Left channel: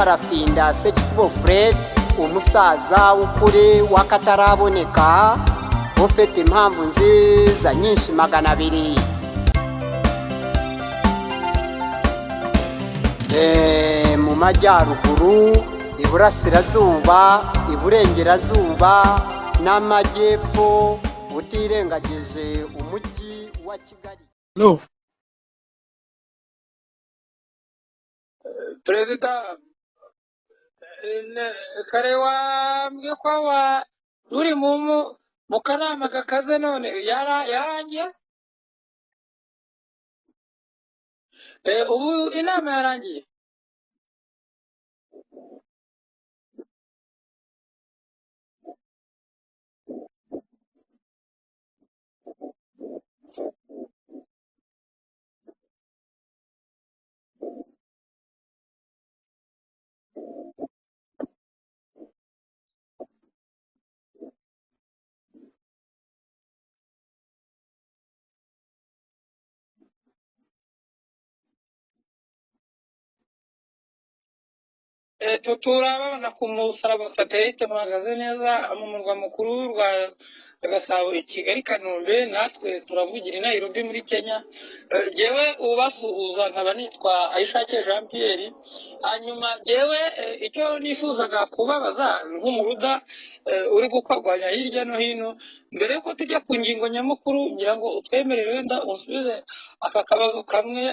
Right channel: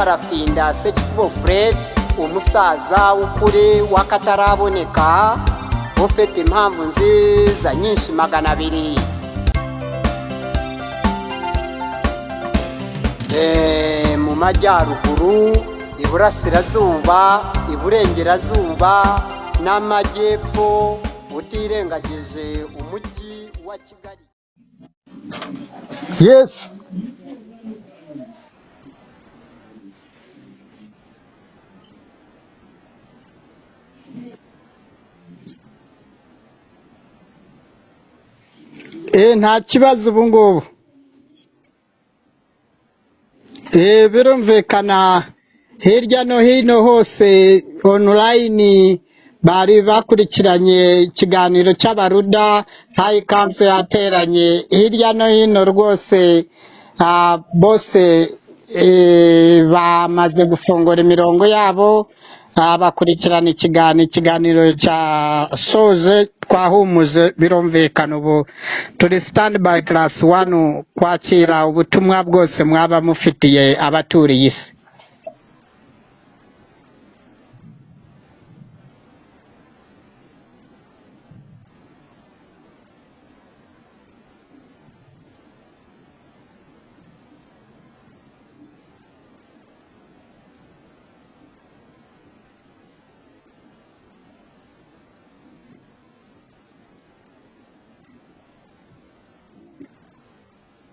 Barafinda Sekikubo Fred umusaza w'ukuri wakataraboneka ufite impamvu nziza nyinshi 200 mu majyaruguru iburasirazuba iburengerazuba n'amajyepfo utirengagije umujyi wa Kigali. No. Yes. Perezida karewa mgekwa uri mu kanama gakaze none yarangiye Nta kibazo ubu ngubu. Ubu inama yarangiye. Birumvikana hirya no hino hose online bari bakurikiranye ikiganiro cy'abaruda High Council yateranye hirya no hino rwose bose bamaze gufungura imirongo yabo bakurikirana ikiganiro cya soje twahumuze birumvikana ubu turi stand by class 1 kwakira ubutumwa bwose mwaba mufitiye abaturiye isi. Turabona ku musaraba satellite bahagaze neza mu murwa mukuru rwa Gasabo Kigali Kanombe natwe turavugira i Nairobi muri Kenya. Jewe ubasuhuza nkaba nitwa Ayishake Jean Pierre. Hanyuma jewe icyo nifuzaga kubabaza nk'umuruda uri gukwagwanya hirya no hino mbere yuko tujya ku ngingo nyamukuru ngira ngo utwemerere wenda usubize aka kabazo kamwe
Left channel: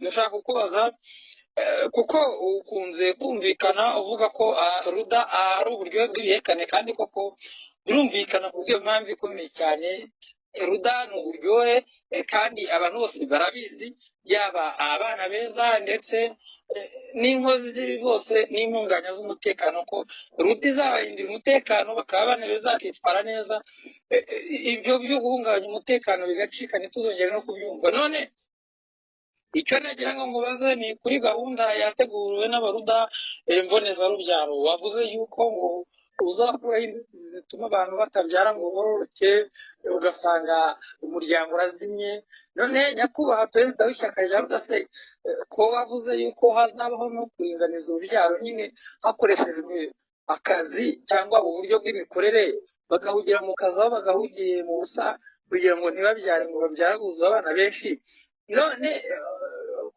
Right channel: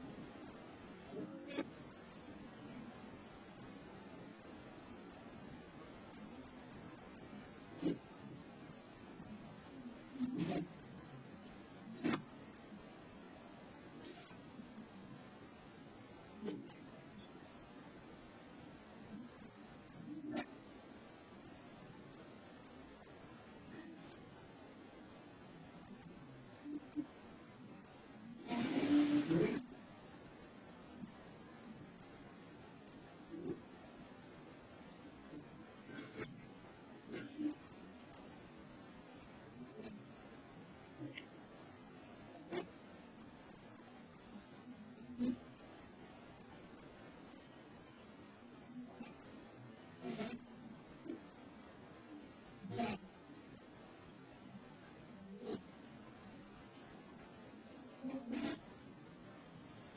nashaka kukubaza kuko ukunze kumvikana uvuga ko ruda ari uburyo bw'ibihekane kandi koko birumvikana ku bw'impamvu ikomeye cyane. Ruda ni uburyohe kandi abantu bose barabizi yaba abana beza ndetse n'inkozi bose n'impunganya z'umutekano ko ruda izabarindira umutekano bakaba abana beza bakitwara neza. Ibyo byo guhungabanya umutekano bigacika ntituzongere no kubyumva. None icyo nagira ngo mubaze ni kuri gahunda yateguwe n'abaruda mbonezarubyaro wavuze yuko ngo uzakuraho inzitizi zituma abantu batabyara ngo bororoke ugasanga umuryango urazimye. None nyakubahwa perezida w'ishyaka rya rudase ko wavuze yuko hazabaho no kuringaniza urubyaro nyine hakoreshejwe akazi cyangwa uburyo bw'imikorere bagahugira mu kazi aho bagahugiye mu busa kugira ngo ntibabyare ngo babyaraguze abana benshi. None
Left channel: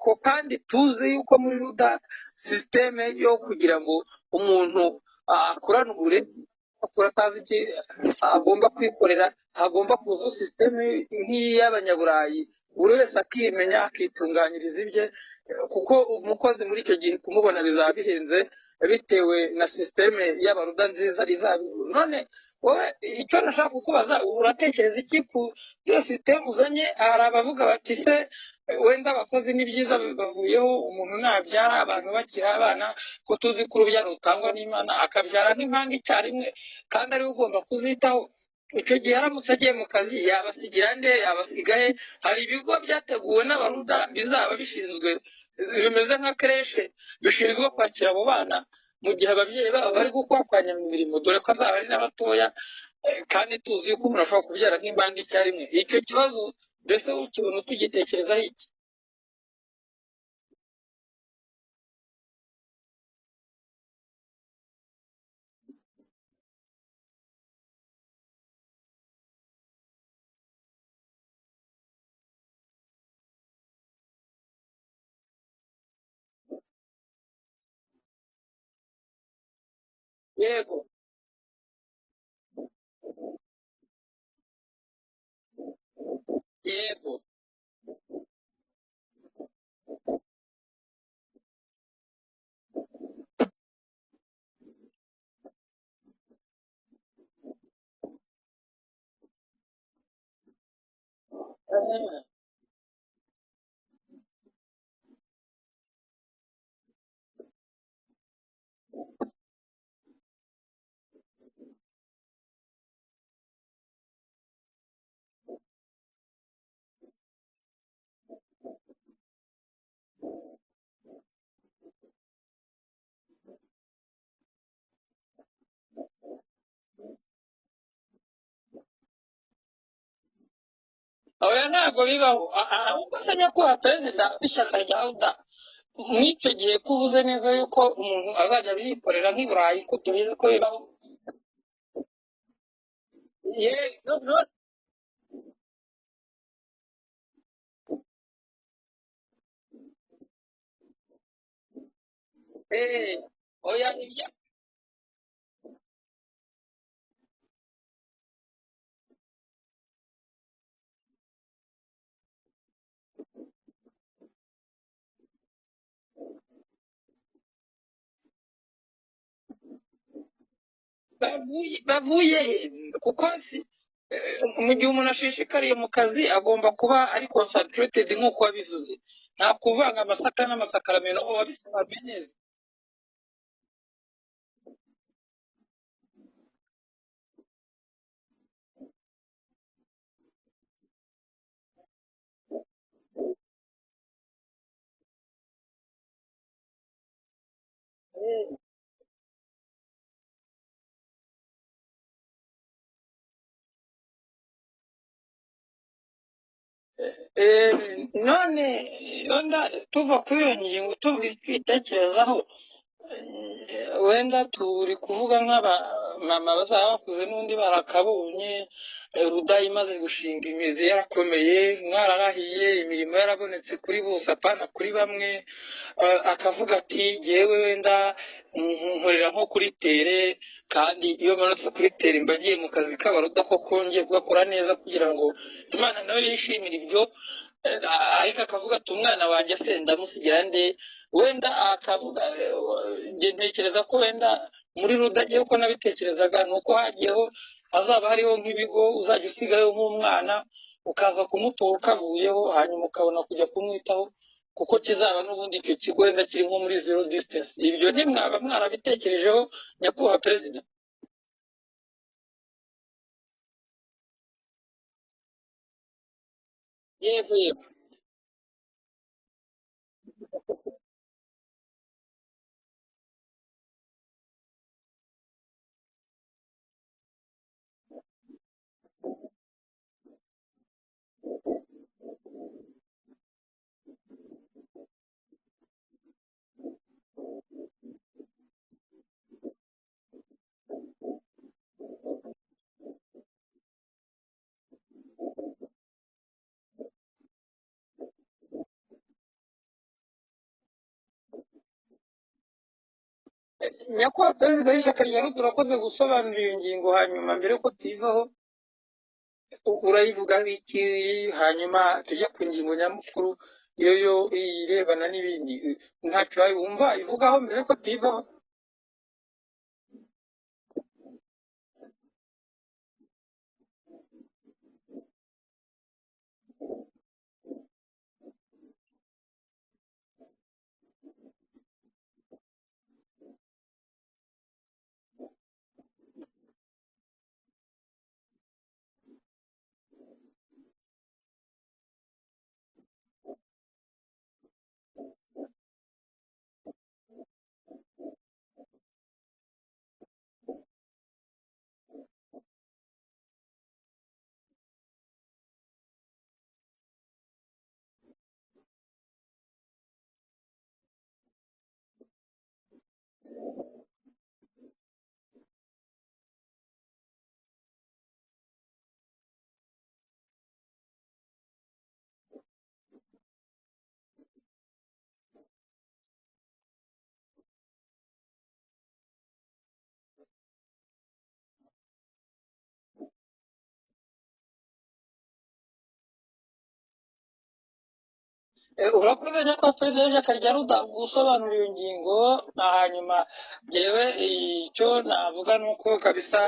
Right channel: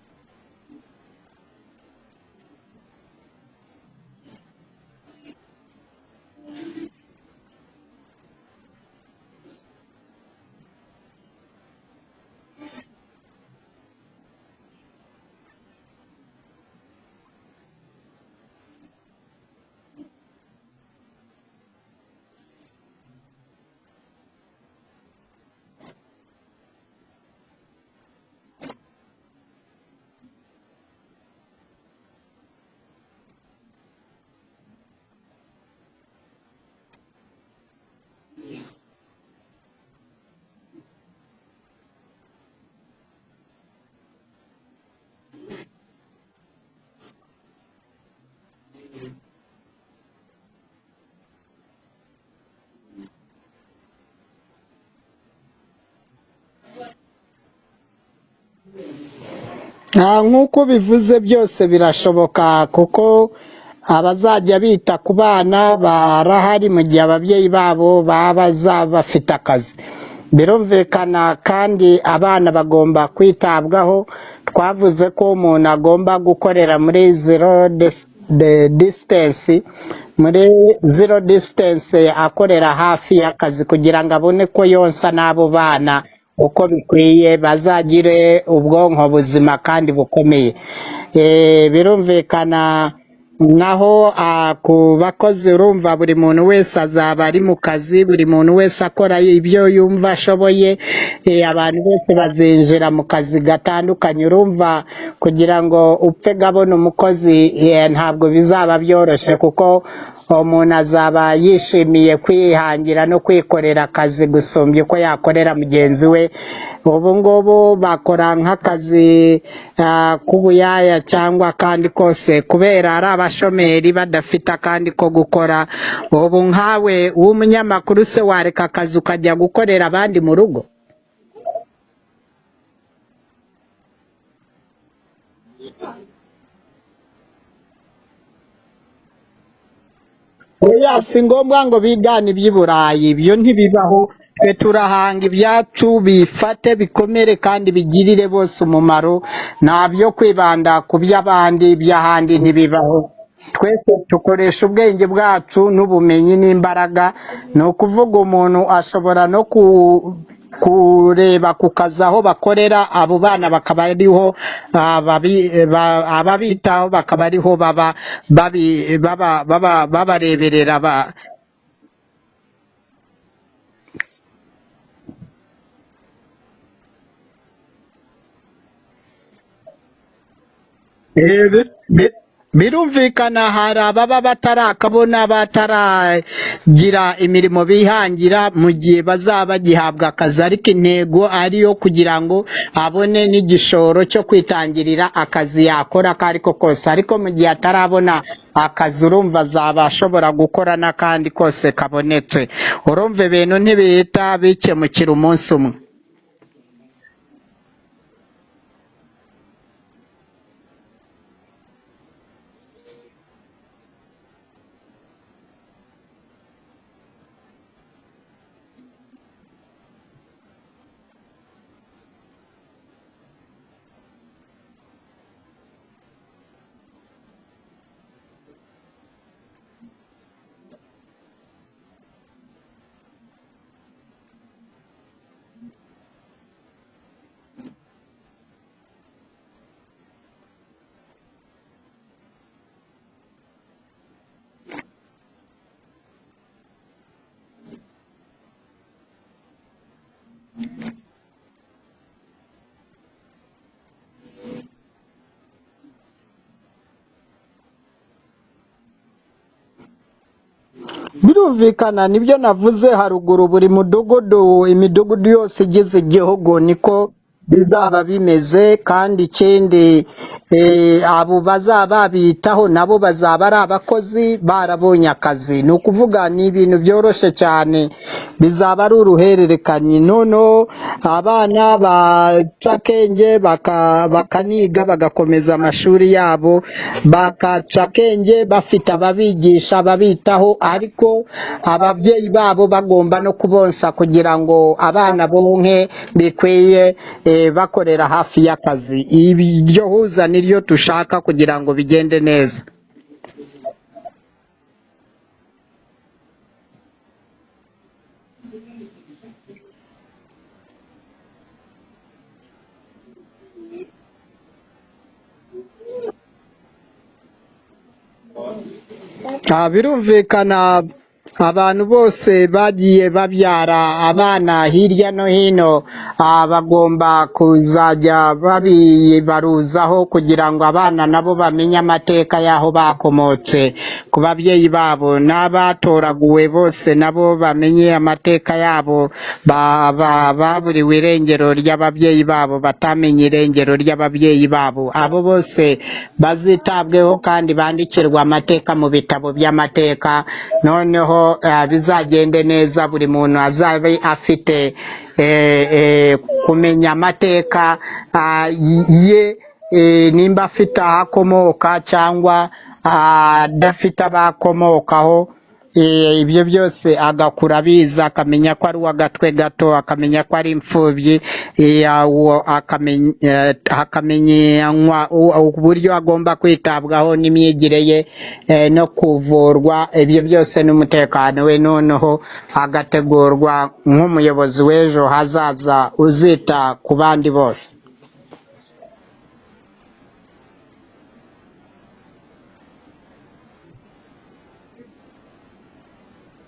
ko kandi tuzi yuko muri ruda systeme yo kugira ngo umuntu akurane ubure akora atazi iki agomba kwikorera agomba kuza systeme nk'iy'abanyaburayi buri wese akimenya akitunganyiriza ibye kuko umukozi muri icyo gihe kumubona bizaba bihenze bitewe na systeme y'abaruda nziza izabi. None wowe icyo nashaka kukubaza uratekereza iki ku iyo systeme uzanye? Hari abavuga bati se wenda abakozi ni byiza bavuyeho umuntu nabyara abantu bakira abana ko tuzi ko urubyaro rutangwa n'Imana akabyara nk'impanga icyarimwe kandi ari ugomba kuzitaho. Icyo gihe aramutse agiye mu kazi yabasigira nde yabasigaye? Hari ibigo byateguwe n'abaruda bizaba bishinzwe bimeze nka creche bishinzwe kwakira abo bana mu gihe ababyeyi babo bari gukwakanya mu mirimo dore ko azaba ari n'abatoya kandi tuzi yuko umuntu ashobora kubyara nk'imbanga icyarimwe. Icyo kibazo mbese ukibona tugitekerezaho iki? Nk'uko bivuze byose birashoboka kuko abazajya bita ku bana barahari mu gihe ababyeyi babo baba bafite akazi. Birumvikana kandi abana bagomba kwitabwaho. Twavuze ko umuntu agomba gukorera muri zero distance akorera hafi y'akazi kugira ngo abone ko yonsa n'abo bana uko bikwiye bazagire ubwonko buzima kandi bukomeye. Birumvikana naho ku bakozi urumva buri muntu wese azaba ari mu kazi buri muntu wese akora ibyo yumva ashoboye. Abantu bose bazinjira mu kazi gatandukanye urumva kugira ngo upfe gabona umukozi ntabwo bizaba byoroshye kuko umuntu azaba yishimiye kwihangira no kwikorera akazi gusumbya uko yakorera mugenzi we. Ubu ngubu bakora nk'akazi k'ubuyaya cyangwa kandi kose kubera ari abashomeri badafite akandi ko gukora. Ubu nkawe w'umunyamakuru se wareka akazi ukajya gukorera abandi mu rugo? oya ntabwo bibaho ahubwo se nyakubahwa perezida w'ishyaka rya uda mw'icyo gihe ko uvuze neza yuko umuntu azajya abyikorera nk'i Burayi ko tubizi ko bibaho oya si ngombwa ngo bigane iby'i Burayi ibyo ntibibaho twe turahanga ibyacu bifate bikomere kandi bigirire bose umumaro nta byo kwibanda ku by'abandi iby'ahandi ntibibaho twese dukoresha ubwenge bwacu n'ubumenyi n'imbaraga ni ukuvuga umuntu ashobora no kureba ku kazi aho bakorera abo bana bakaba ariho ababitaho bakaba ariho babareberera bavuye kuko mu gihe umuntu ashishikariye mu kazi agomba kuba ari concentrated nk'uko wabivuze nta kuvanga amasaka n'amasakaramentu birumvikana hari ababa batarakabona bataragira imirimo bihangira mu gihe bazaba bagihabwa akazi ariko intego ariyo kugira ngo abone n'igishoro cyo kwitangirira akazi yakora ako ariko kose ariko mu gihe atarabona akazi urumva azaba ashobora gukora n'akandi kose kabonetse urumva ibintu ntibihita bikemukira umunsi umwe none tuva kuri iyo ngingo twitekerezaho wenda turi kuvuga nk'abamama bazaba bakuze n'undi barakabonye ruda imaze gushinga imizi yarakomeye mwararahiye imirimo yarabonetse kuri bose apana kuri bamwe akavuga ati yewe wenda nkorera nko kuri tere kandi iyo manutse kuri tere mba agiye mu kazi k'abaruda koko ngiye kugakora neza kugira ngo Imana nawe yishimire ibyo ariko akavuga ati umwana wanjye se ndamusigira nde wenda akavuga ntekereza ko wenda muri ruda agiye uko nabitekerezaga ni uko hagiyeho hazaba hariho nk'ibigo uzajya usigayo nk'umwana ukaza kumutora ukavuyeho hanyuma ukabona kujya kumwitaho kuko kizaba n'ubundi icyo kigo wenda kiri nko muri zero distance ibyo ntimwaba mwarabitekerejeho nyakubahwa perezida birumvikana nibyo navuze haruguru buri mudugudu imidugudu yose igize igihugu niko bizaba bimeze kandi ikindi abo bazaba babitaho nabo bazaba ari abakozi barabonye akazi ni ukuvuga ni ibintu byoroshye cyane bizaba ari uruhererekanye noneho abana baca akenge bakaniga bagakomeza amashuri yabo bakaca akenge bafite ababigisha babitaho ariko ababyeyi babo bagomba no kubonsa kugira ngo abana bonke bikwiye bakorera hafi y'akazi iryo huza niryo dushaka kugira ngo bigende neza nyakubahwa perezida w'ishyaka rya ruda urakoze gusobanura iyo ngingo hanyuma mbere yuko tuyivaho urayivuga iki hanyuma tujya ku ngingo nyamukuru iyo irebana n'ibindi ntacyo wumva ivugaho mbere yuko tuyivaho birumvikana abantu bose bagiye babyara abana hirya no hino bagomba kuzajya babibaruzaho kugira ngo abana nabo bamenye amateka y'aho bakomotse ku babyeyi babo n'abatoraguwe bose nabo bamenye amateka yabo baburiwe irengero ry'ababyeyi babo batamenye irengero ry'ababyeyi babo abo bose bazitabweho kandi bandikirwa amateka mu bitabo by'amateka noneho bizagende neza buri muntu azabe afite kumenya amateka ye nimba afite aho akomoka cyangwa adafite abakomokaho ibyo byose agakura abizi akamenya ko ari uw'agatwe gato akamenya ko ari imfubyi akamenyanywa uburyo agomba kwitabwaho n'imyigire ye no kuvurwa ibyo byose n'umutekano we noneho agategurwa nk'umuyobozi w'ejo hazaza uzita ku bandi bose urakoze nyakubahwa perezida w'ishyaka rya ruda gusobanura iyo ngingo hanyuma yewe icyo navuga ni uko kabisa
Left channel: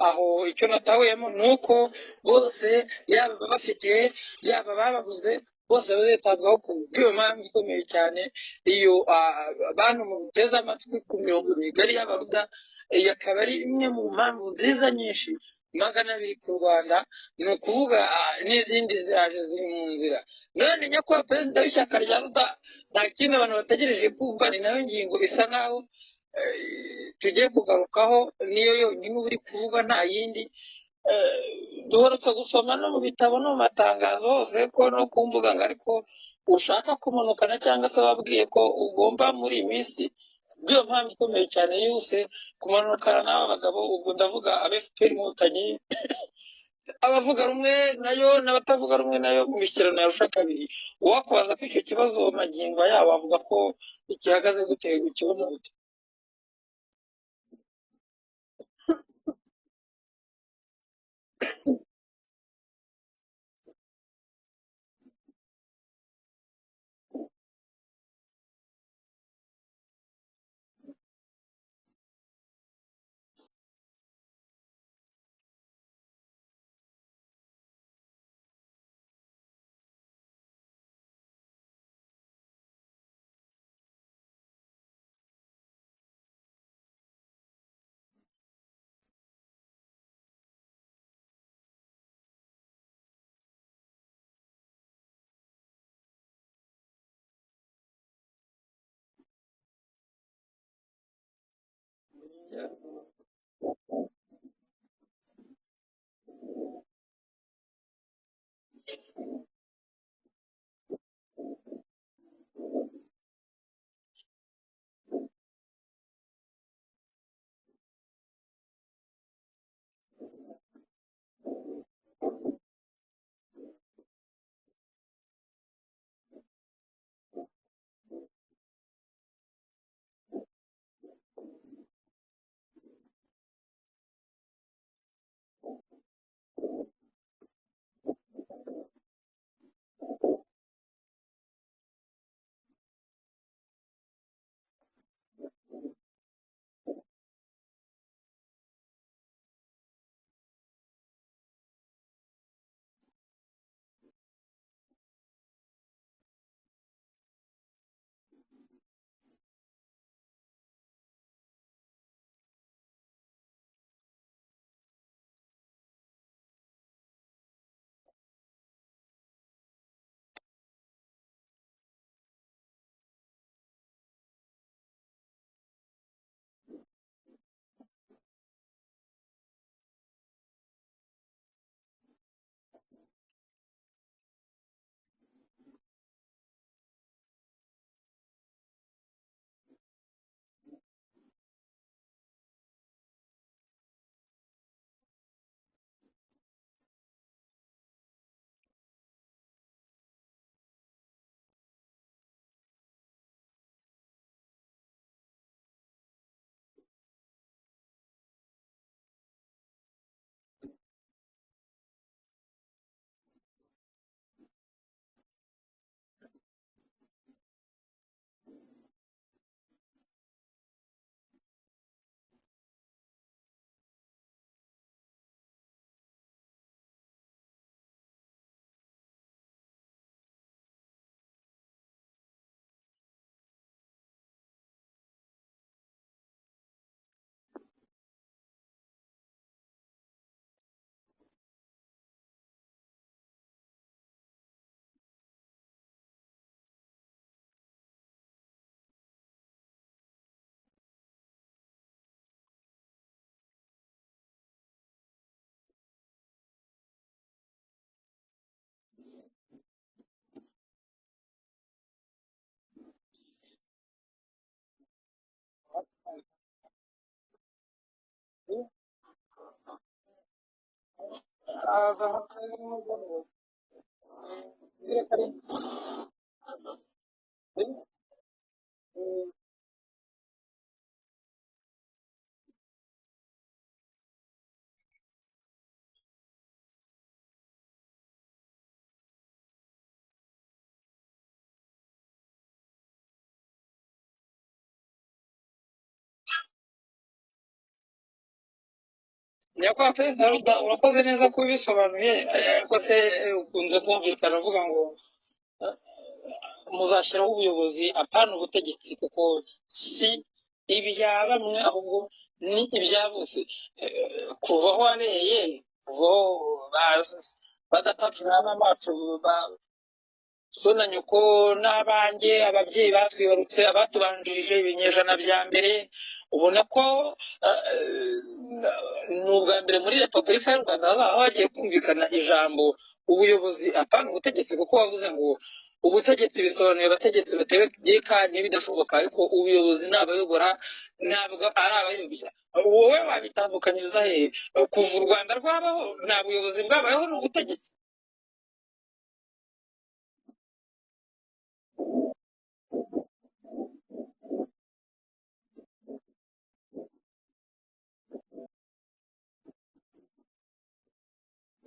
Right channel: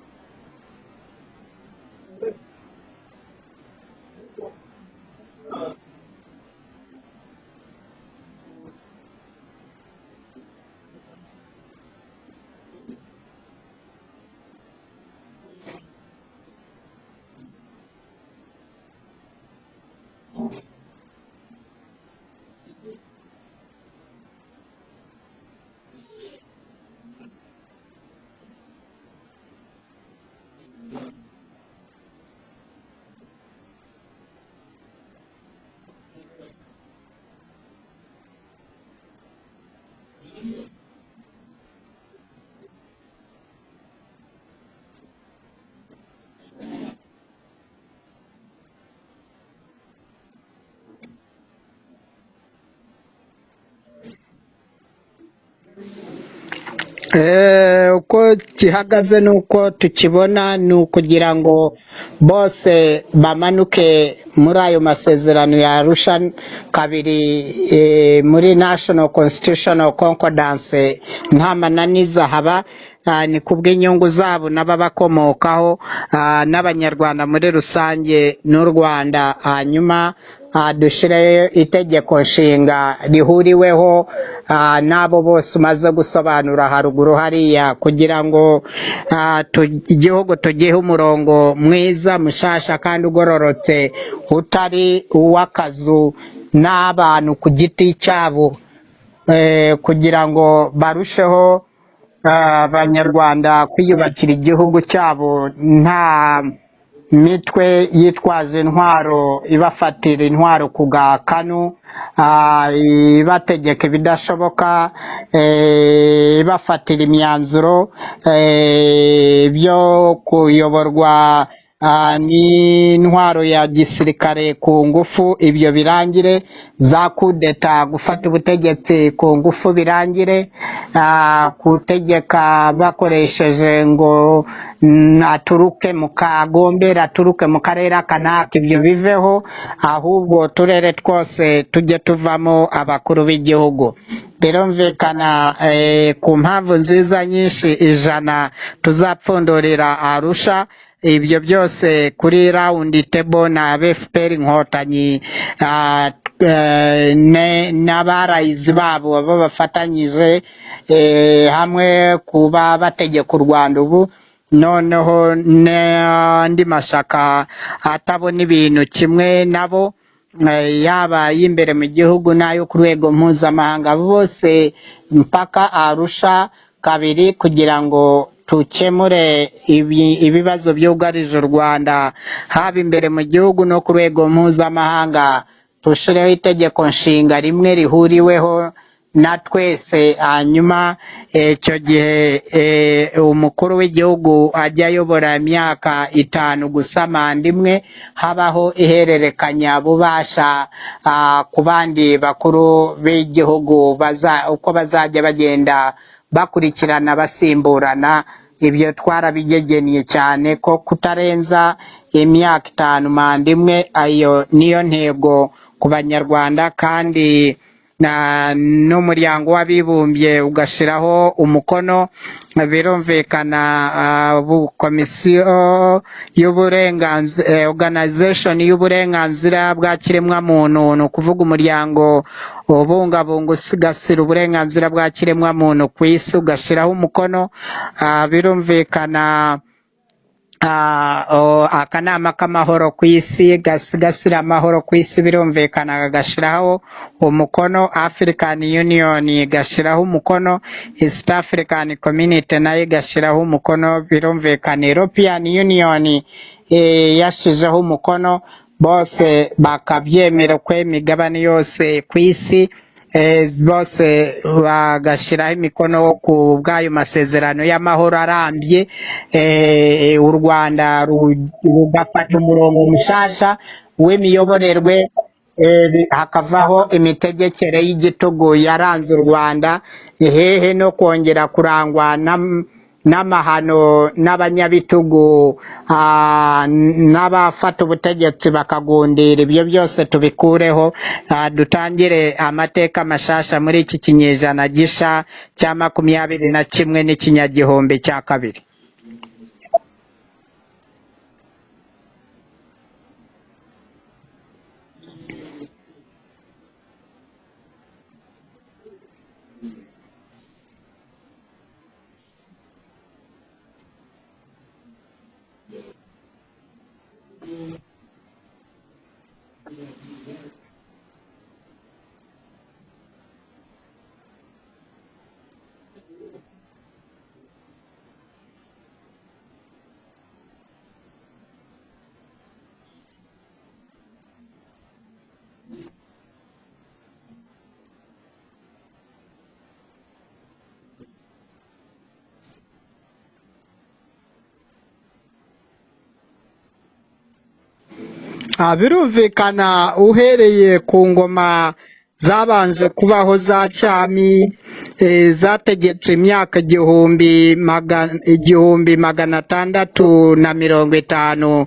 aho icyo natahuyemo ni uko bose yaba bafite yaba bababuze bose bazitabwaho ku bw'iyo mpamvu ikomeye cyane iyo abantu muteze amatwi ku mirongo migari y'abaruda akaba ari imwe mu mpamvu nziza nyinshi 200 ku Rwanda ni ukuvuga n'izindi ziraje ziri mu nzira none nyakubahwa perezida w'ishyaka rya ruda nta kindi abantu bategereje kumva ni nayo ngingo isa nkaho tugiye kugarukaho niyo yonyine uri kuvuga nta yindi duherutse gusoma no mu bitabo no mu matangazo hose ko no ku mbuga ngo ariko ushaka kumanukana cyangwa se wabwiye ko ugomba muri iyi minsi bw'iyo mpamvu ikomeye cyane yose kumanukana n'aba bagabo, ubwo ndavuga abefuperi inkotanyi abavuga rumwe nayo n'abatavuga rumwe nayo mu mishyikirano ya Arusha kabiri. Uwakubaza ko icyo kibazo magingo yabo avuga ko igihagaze gute, ukibona gute? Uko gihagaze nuko tukibona ni ukugira ngo bose bamanuke muri ayo masezerano ya Arusha kabiri, muri National Constitutional Concordance nta mananiza haba, ni kubw'inyungu zabo n'ababakomokaho, n'abanyarwanda muri rusange n'u Rwanda. Hanyuma dushireyo itegeko nshinga rihuriweho n'abo bose umaze gusobanura haruguru hariya, kugira ngo igihugu tugihe umurongo mwiza mushasha kandi ugororotse, utari uw'akazu n'abantu ku giti cyabo, kugira ngo barusheho abanyarwanda kwiyubakira igihugu cyabo nta mitwe yitwaje intwaro ibafatira intwaro ku gakanu, ibategeka ibidashoboka, ibafatira imyanzuro byo kuyoborwa n'intwaro ya gisirikare ku ngufu, ibyo birangire. Za kudeta, gufata ubutegetsi ku ngufu birangire. Gutegeka bakoresheje ngo aturuke mu kagombera, aturuke mu karere kanaka, ibyo biveho, ahubwo uturere twose tujye tuvamo abakuru b'igihugu. Birumvikana ku mpamvu nziza nyinshi ijana tuzapfundurira Arusha. Ibyo byose kuri rawundi tebo na FPR inkotanyi n'abarayizi babo bafatanyije hamwe kuba bategeka u Rwanda ubu, noneho n'andi mashyaka atabona ibintu kimwe nabo, yaba y'imbere mu gihugu n'ayo ku rwego mpuzamahanga, bose mpaka Arusha kabiri kugira ngo tukemure ibibazo byugarije u Rwanda, haba imbere mu gihugu no ku rwego mpuzamahanga. Tushireho itegeko nshinga rimwe rihuriweho na twese, hanyuma icyo gihe umukuru w'igihugu ajya ayobora imyaka 5 gusa, manda imwe, habaho ihererekanya bubasha ku bandi bakuru b'igihugu uko bazajya bagenda bakurikirana basimburana. Ibyo twarabigegeniye cyane ko kutarenza imyaka 5 manda imwe, ayo niyo ntego ku banyarwanda, kandi n'umuryango w'abibumbye ugashiraho umukono. Birumvikana komisiyo y'uburenganzira, organization y'uburenganzira bwa kiremwamuntu, ni ukuvuga umuryango ubungabunga usigasira uburenganzira bwa kiremwamuntu ku isi, ugashiraho umukono. Birumvikana akanama k'amahoro ku isi gasigasira amahoro ku isi, birumvikana gashiraho umukono. African Union gashiraho umukono, East African Community nayo gashiraho umukono, birumvikana European Union yashizeho umukono, bose bakabyemera ko imigabane yose ku isi bose bagashiraho imikono ku bw'ayo masezerano y'amahoro arambye. U Rwanda rugafata umurongo mushasha w'imiyoborerwe, hakavaho imitegekere y'igitugu yaranze u Rwanda, hehe no kongera kurangwa n'amahano n'abanyabitugu n'abafata ubutegetsi bakagundira. Ibyo byose tubikureho, dutangire amateka mashasha muri iki kinyejana gisha cya 21 n'ikinyagihumbi cya kabiri. Nyakubahwa Perezida Ruda, urakoze neza kubisobanuye, ariko se ukunze kumvikana uvuga ngo muzashyiraho ubuyobozi apana ubutegetsi, kuko si ibya bamwe ahubwo ni ibya bose. Kuva aho wareye, badatacurana amacu, sona nyoko n'abanjye, ababyeyi batwibarutse, abatubanjirije ibinyejana bya mbere, ubona ko ni ubwa mbere muri repubulika y'u rwanda hazaba hagiye kumvikana ijambo ubuyobozi apana ubutegetsi, kuko wavuze ngo ubutegetsi bisobanuye abategetsi bategeka n'ibidashoboka, ariko ubuyobozi ni abayobora ntabwo ari abayobya. Wowe wabitandukanyiriza hehe? Kuva u rwanda rwabaho nta buyobozi bwabayeho n'ubutegetsi? birumvikana uhereye ku ngoma zabanje kubaho za cyami zategetse imyaka igihumbi magana atandatu na 50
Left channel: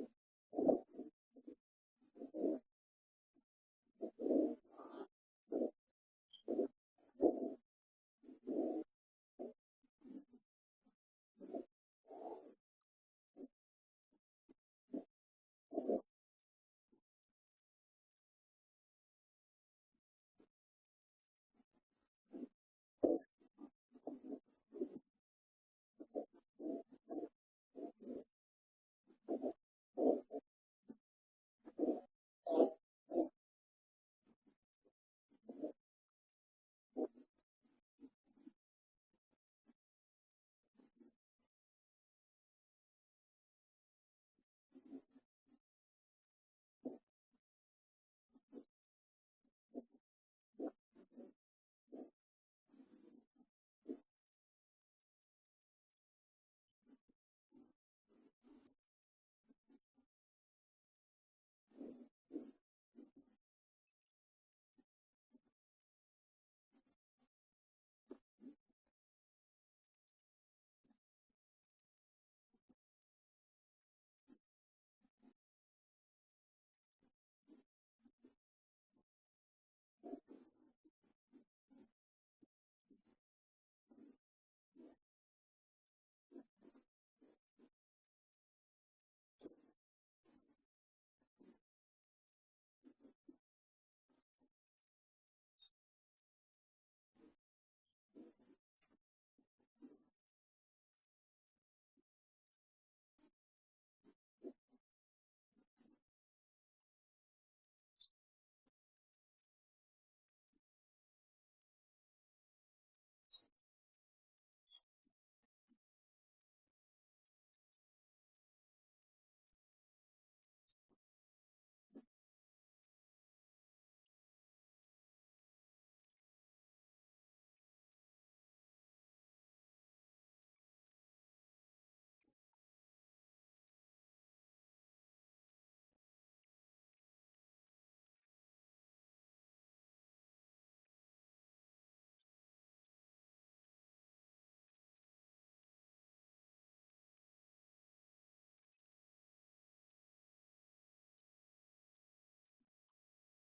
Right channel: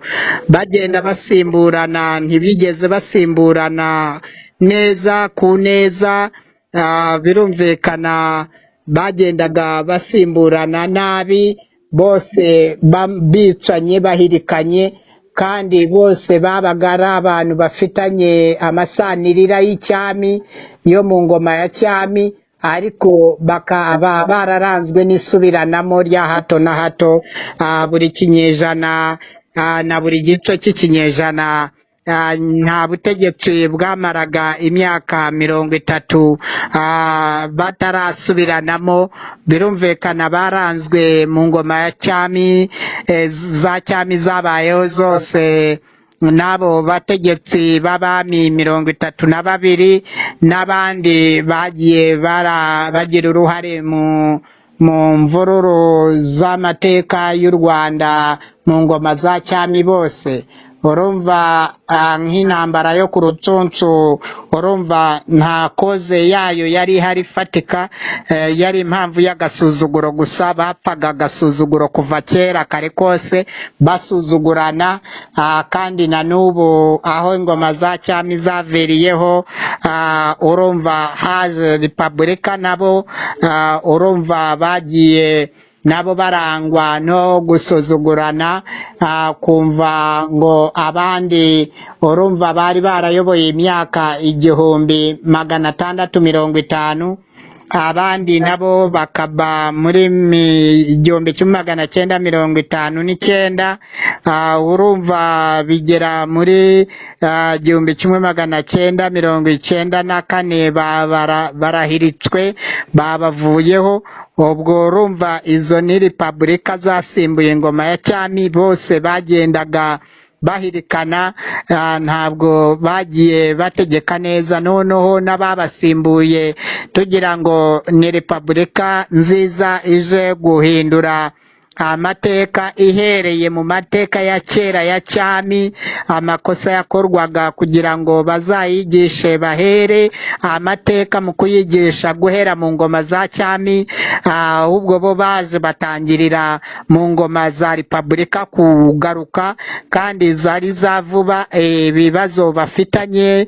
bagenda basimburana, ntibigeze basimburana neza ku neza. Birumvikana bagendaga basimburana nabi, bose bicanye bahirikanye, kandi bose babaga ari abantu bafitanye amasanirira y'icyami yo mu ngoma ya cyami, ariko bakaba bararanzwe n'isubiranamo rya hato na hato. Buri kinyejana na buri gice cy'ikinyejana nta butegetsi bwamaraga imyaka 30 batarasubiranamo. Birumvikana baranzwe mu ngoma ya cyami, za cyami zabayeho zose n'abo bategetsi b'abami 32 n'abandi bagiye bagira uruhare mu mvururu z'amateka y'u Rwanda mu ngoma za cyami bose. Urumva nk'intambara yo ku Rucunshu, urumva nta koze yayo yari ihari ifatika, yari impamvu y'agasuzuguro gusa. Bapfaga agasuzuguro kuva kera kare kose basuzugurana, kandi na n'ubu aho ingoma za cyami zaviriyeho, urumva haje repubulika nabo, urumva bagiye nabo barangwa no gusuzugurana, kumva ngo abandi, urumva bari barayoboye imyaka 1650, abandi nabo bakaba muri 1959, urumva bigera muri 1994 barahiritswe babavuyeho. Ubwo urumva izo ni repubulika zasimbuye ingoma ya cyami, bose bagendaga bahirikana, ntabwo bagiye bategeka neza. Noneho n'ababasimbuye tugira ngo ni repubulika nziza ije guhindura amateka, ihereye mu mateka ya kera ya cyami, amakosa yakorwaga kugira ngo bazayigishe bahere amateka mu kuyigisha guhera mu ngoma za cyami, ahubwo bo baje batangirira mu ngoma za repubulika kugaruka, kandi zari za vuba. Ibibazo bafitanye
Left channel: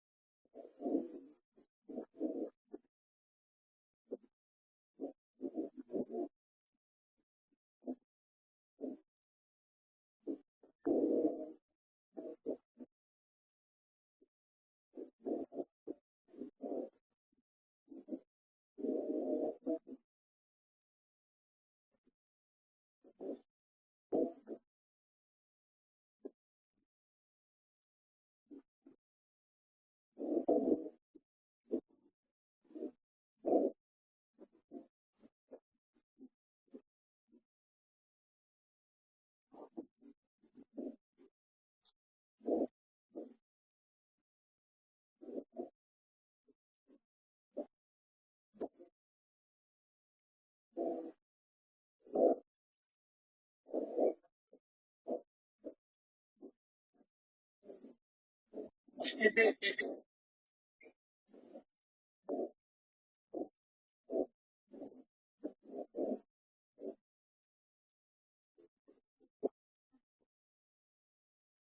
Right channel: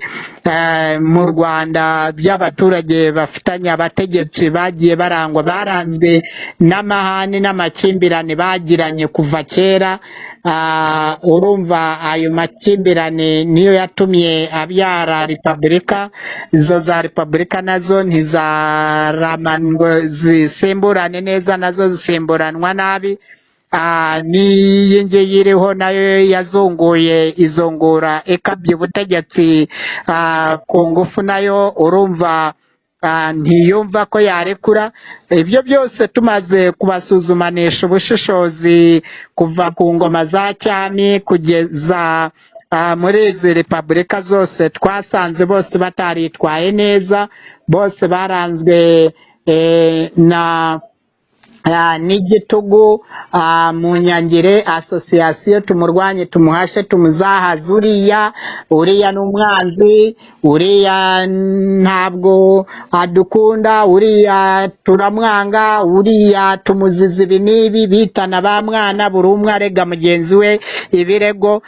mu Rwanda by'abaturage bafitanye abategetsi bagiye baranzwe n'amahane n'amakimbirane bagiranye kuva kera. Urumva ayo makimbirane niyo yatumye abyara repubulika. Izo za repubulika nazo ntizaramanwe zisimburane neza, nazo zisimburanwa nabi. N'iyi ngiyi iriho nayo yazunguye izungura ikabye ubutegetsi ku ngufu, nayo urumva ntiyumva ko yarekura. Ibyo byose tumaze kubasuzumanisha ubushishozi kuva ku ngoma za cyami kugeza muri izi repubulika zose, twasanze bose bataritwaye neza, bose baranzwe n'igitugu. Mu Nyangire asosiyasiyo tumurwanye tumuhashe tumuzahaze, uriya n'umwanzi, uriya ntabwo adukunda, uriya turamwanga, uriya tumuziza ibi n'ibi, bitana ba mwana, buri umwe arega mugenzi we ibirego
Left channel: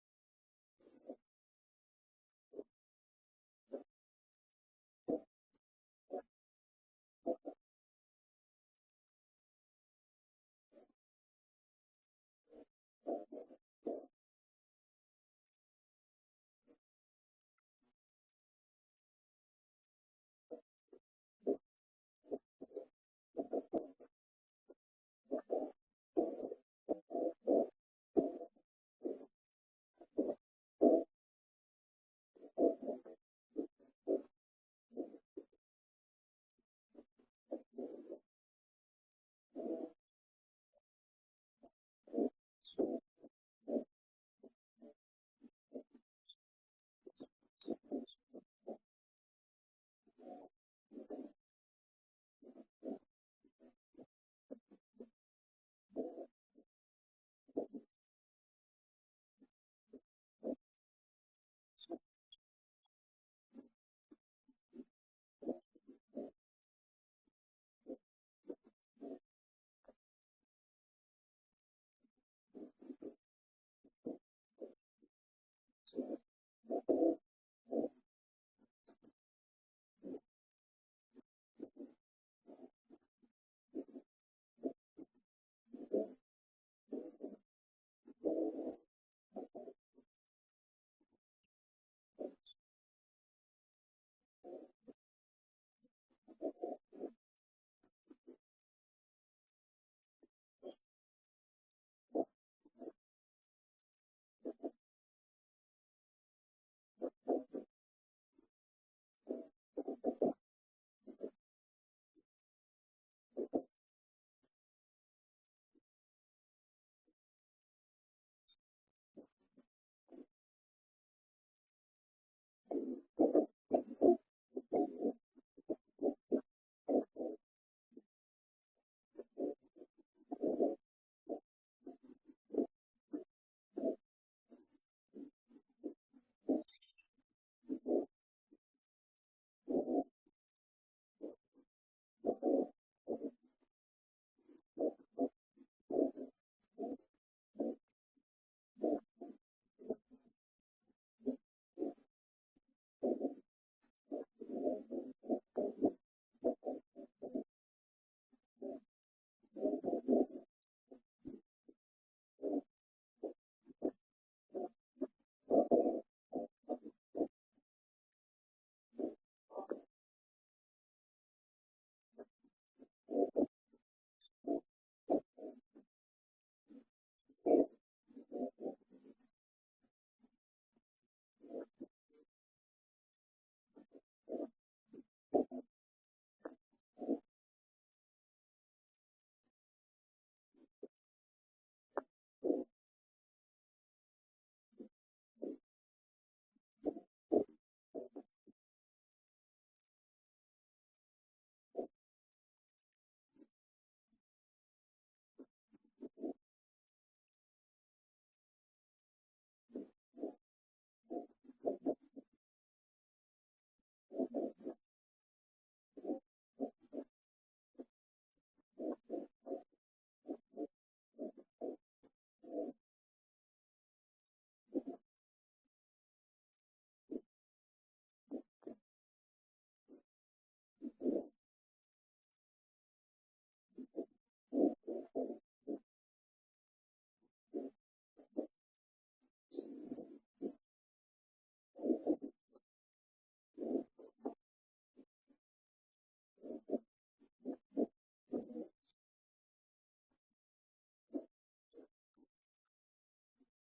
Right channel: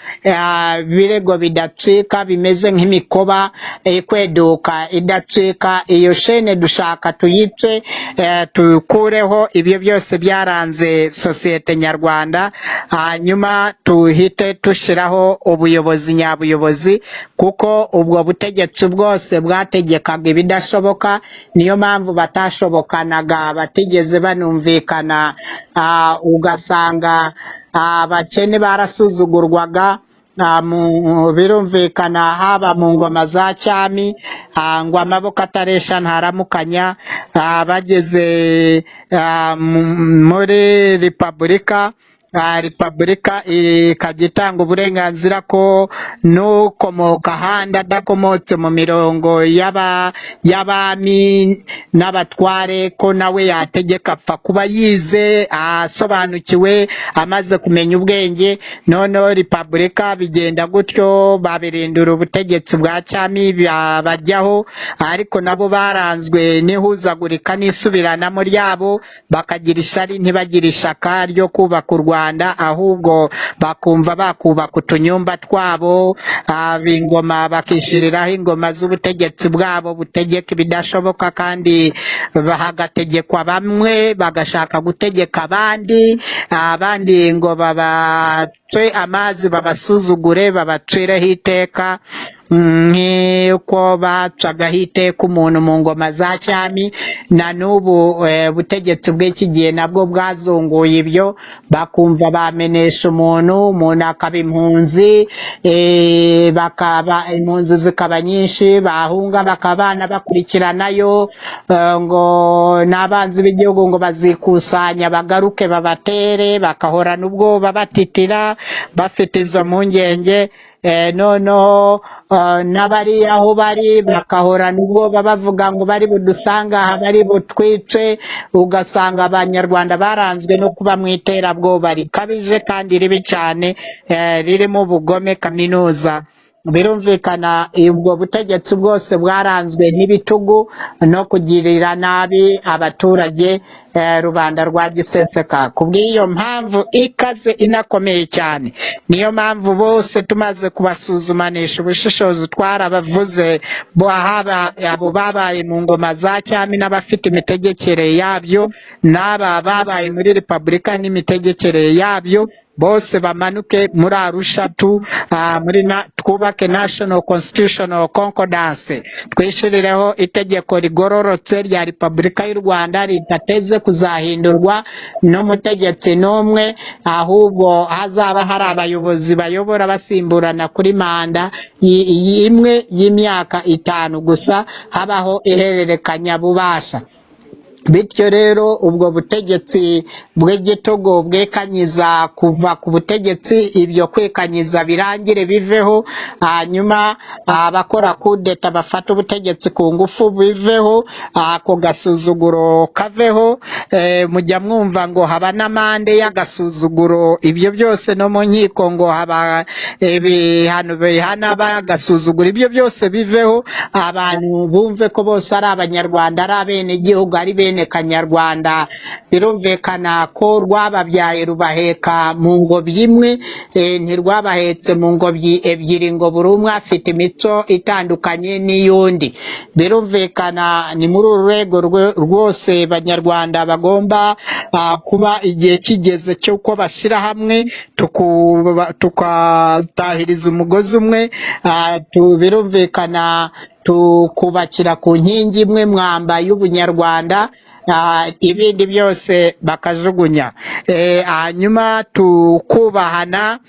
bidacika, bimeze nk'imikoba ikweduka idacika. Iyo shene dushaka tuyice, tukureho ibyo byose byaranze sosiyete nyarwanda, hanyuma tuhite tushiraho ubuyobozi nyabuyobozi, kuko ubwo butegetsi bwose bwategekaga ibidashoboka. Niyo mpamvu batashobokanaga, batigeze banumvikana. Ugasanga abakene barasuzugurwaga, birumvikana haba mu ngoma za cyami, ngo amaboko ataresha ntaramukanya, bageze muri repubulika, repubulika ikajya itanga uburenganzira ko n'ukomoka ahandi adakomotse mu mirongo y'abami n'abatware ko nawe yategeka, apfa kuba yize asobanukiwe amaze kumenya ubwenge. Noneho repubulika bigenda gutyo, babirindura ubutegetsi bwa cyami bajyaho, ariko nabo baranzwe n'ihuzagurika n'isubiranamo ryabo, bakagira ishyari ntibagire ishaka ryo kubaka u Rwanda, ahubwo bakumva bakubaka utunyumba twabo, ingoma bakishyiriraho ingoma z'ubutegetsi bwabo butegeka ibidashoboka, kandi hagategekwa bamwe bagashaka gutegeka abandi ngo babatwe amazi babasuzugure babaciraho iteka, nk'uko bacagaho iteka umuntu mu ngoma za cyami. Na n'ubu ubutegetsi bw'iki gihe nabwo bwazunguye ibyo, bakumva bamenesha umuntu akaba impunzi, impunzi zikaba nyinshi, bahunga bakaba bakurikiranayo, ngo n'abanzi b'igihugu ngo bazikusanya bagaruke babatere, bakahorana ubwoba batitira bafite izo mpungenge. Noneho n'abari aho bari bakahorana ubwoba bavuga ngo bari budusanga aha, bari butwice. Ugasanga abanyarwanda baranzwe no kuba mu iterabwoba rikabije kandi ribi cyane, ririmo ubugome kaminuza. Birumvikana ubwo butegetsi bwose bwaranzwe n'ibitugu no kugirira nabi abaturage, rubanda rwa giseseka. Kubw'iyo mpamvu ikaze inakomeye cyane, niyo mpamvu bose tumaze kubasuzumanisha ubushishozi twarabavuze, haba abo babaye mu ngoma za cyami n'abafite imitegekere yabyo, n'aba babaye muri repubulika n'imitegekere yabyo, bose bamanuke muri Arusha twubake National Constitutional Concordance, twishirireho itegeko rigororotse rya Repubulika y'u Rwanda ridateze kuzahindurwa n'umutegetsi n'umwe, ahubwo hazaba hari abayobozi bayobora basimburana kuri manda imwe y'imyaka 5 gusa, habaho ihererekanya bubasha. Bityo rero ubwo butegetsi bw'igitugu bwekanyiza kuva ku butegetsi, ibyo kwekanyiza birangire biveho, hanyuma abakora kudeta bafata ubutegetsi ku ngufu biveho, ako gasuzuguro kaveho. Mujya mwumva ngo haba n'amande y'agasuzuguro, ibyo byose no mu nkiko ngo haba ibihano bihana bagasuzugura, ibyo byose biveho. Abantu bumve ko bose ari abanyarwanda, ari abene igihugu, ari bene kanyarwanda. Birumvikana ko rwababyaye rubaheka mu ngobyi imwe, ntirwabahetse mu ngobyi ebyiri ngo buri umwe afite imico itandukanye n'iyundi. Birumvikana ni muri uru rwego rwose banyarwanda bagomba kuba igihe kigeze cy'uko bashyira hamwe tukatahiriza umugozi umwe, birumvikana tukubakira ku nkingi imwe mwamba y'ubunyarwanda, ibindi byose bakajugunya. Hanyuma tukubahana,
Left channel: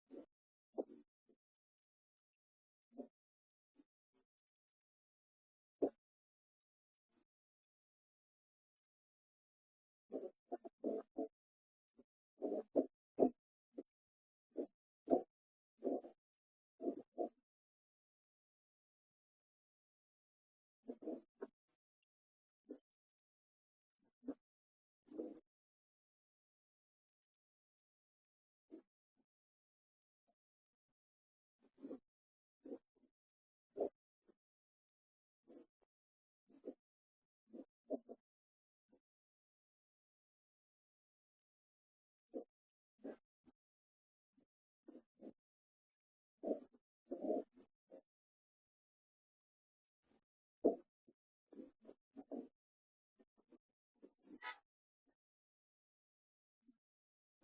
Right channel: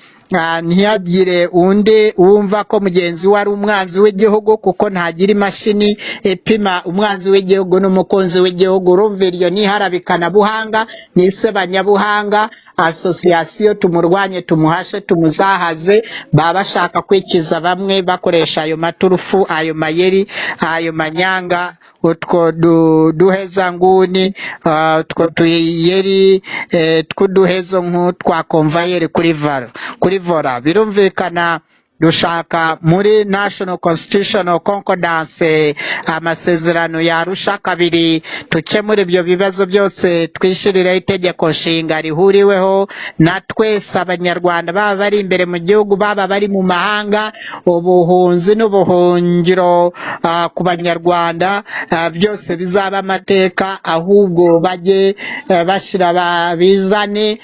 ntihagire undi wumva ko mugenzi we ari umwanzi w'igihugu, kuko ntagira imashini ipima umwanzi w'igihugu n'umukunzi w'igihugu. Urumva iryo ni iharabikanabuhanga, ni isebanyabuhanga. Asosiyasiyo tumurwanye, tumuhashe, tumuzahaze, baba bashaka kwikiza bamwe bakoresha ayo maturufu, ayo mayeri, ayo manyanga, utwo duheza nguni, utwo tuyeri tw'uduhezo nk'utwa konvayeri kuri vora. Birumvikana dushaka muri National Constitutional Concordance, amasezerano ya Arusha 2, tukemura ibyo bibazo byose, twishirireho itegeko nshinga rihuriweho na twese abanyarwanda, baba bari imbere mu gihugu, baba bari mu mahanga. Ubuhunzi n'ubuhungiro ku banyarwanda byose bizaba amateka, ahubwo bajye bashyira bizane,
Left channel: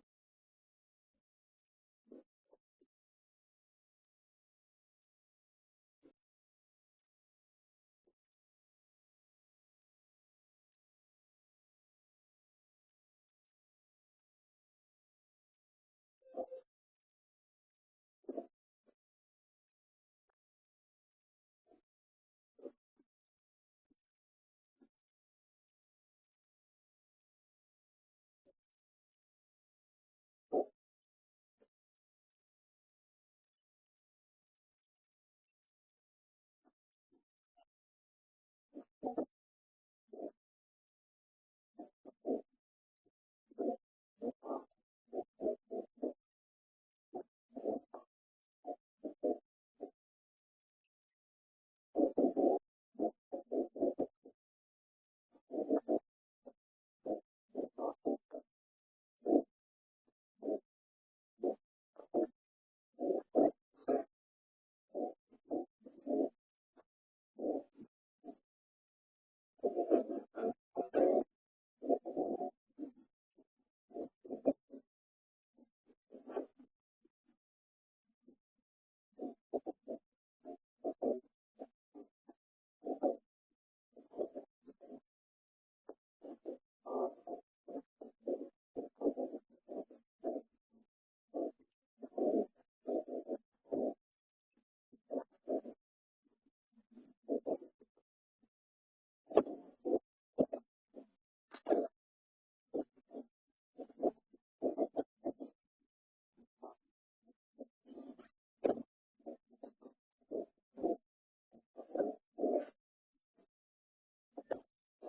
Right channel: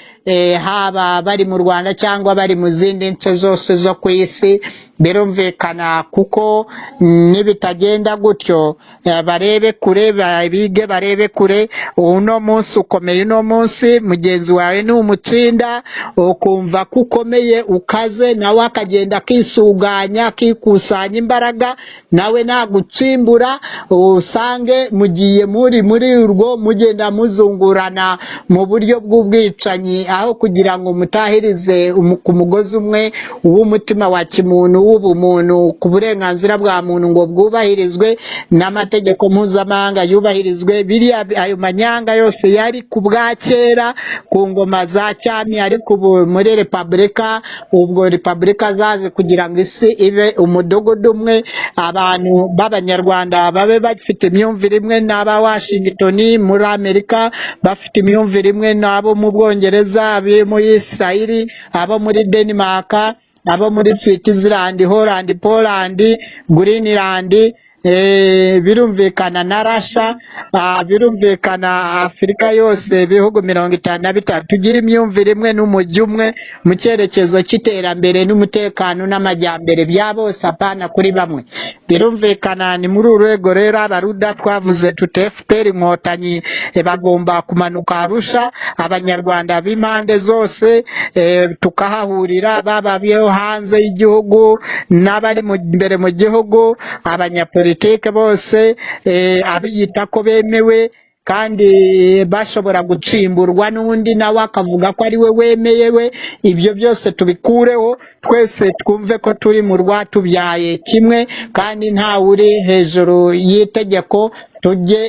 haba bari mu Rwanda cyangwa bari mu zindi nce zose zo ku isi. birumvikana kuko nibitagenda gutyo barebe kure bige barebe kure uno munsi ukomeye uno munsi mugenzi wawe ni umutsinda ukumva ko ukomeye ukaze nawe akagenda akisuganya akikusanya imbaraga nawe nagutsimbura usange mugiye muri urwo mugenda muzungurana mu buryo bw'ubwicanyi aho kugira ngo mutahirize ku mugozi umwe w'umutima wa kimuntu w'ubumuntu ku burenganzira bwa muntu ngo bwubahirizwe n'amategeko mpuzamahanga yubahirizwe biriya ayo manyanga yose yari ku bwa kera ku ngoma za cyami ariko ubu muri repubulika ubwo repubulika zaje kugira ngo isi ibe umudugudu umwe abantu b'abanyarwanda babe bafite imyumvire imwe n'aba Washington muri Amerika bafite imyumvire imwe n'abo mu Bwongereza abo muri Israel abo muri Denmark abo muri Switzerland Holland Poland Greenland birumvikana na Russia birumvikana Afurika yose ibihugu 53 tugira imyumvire imwe n'umujyi umwe mu cyerekezo cy'iterambere n'umutekano n'amajyambere bya bose apana kuri bamwe birumvikana ni muri urwego rero abaruda twavuze tute FPR inkotanyi bagomba kumanuka Arusha abanyarwanda b'impande zose tukahahurira baba byo hanze y'igihugu n'abari imbere mu gihugu abanyapolitike bose abiyita ko bemewe kandi bashobora gucimburwa n'undi nawe akavuga ko ari we wemeyewe ibyo byose tubikureho twese twumve ko turi mu rwatubyaye kimwe kandi nta uri hejuru y'itegeko tujye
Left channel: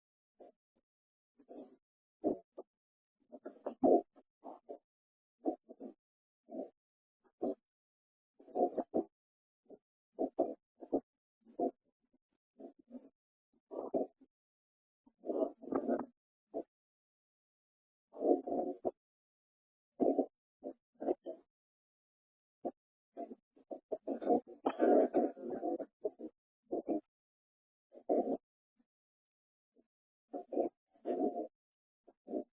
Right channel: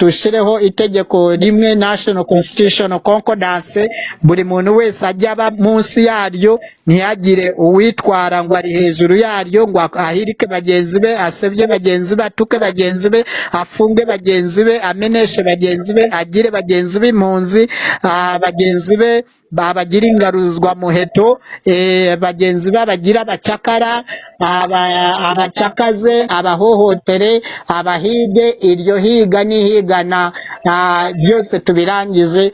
tushireho itegeko rimwe National Constitutional Concordance buri muntu wese ajya aba munsi yaryo ntiyagire uwitwara ngo ari hejuru yaryo ngo ahirike bagenzi be asebye bagenzi be atuke bagenzi be afunge bagenzi be ameneshe bagenzi be agire bagenzi be impunzi bagenzi be babagira ingaruzwa muheto bagenzi babagira abacakara abacakaze abahohotere abahige iryo higa n'ihigana byose tubirangije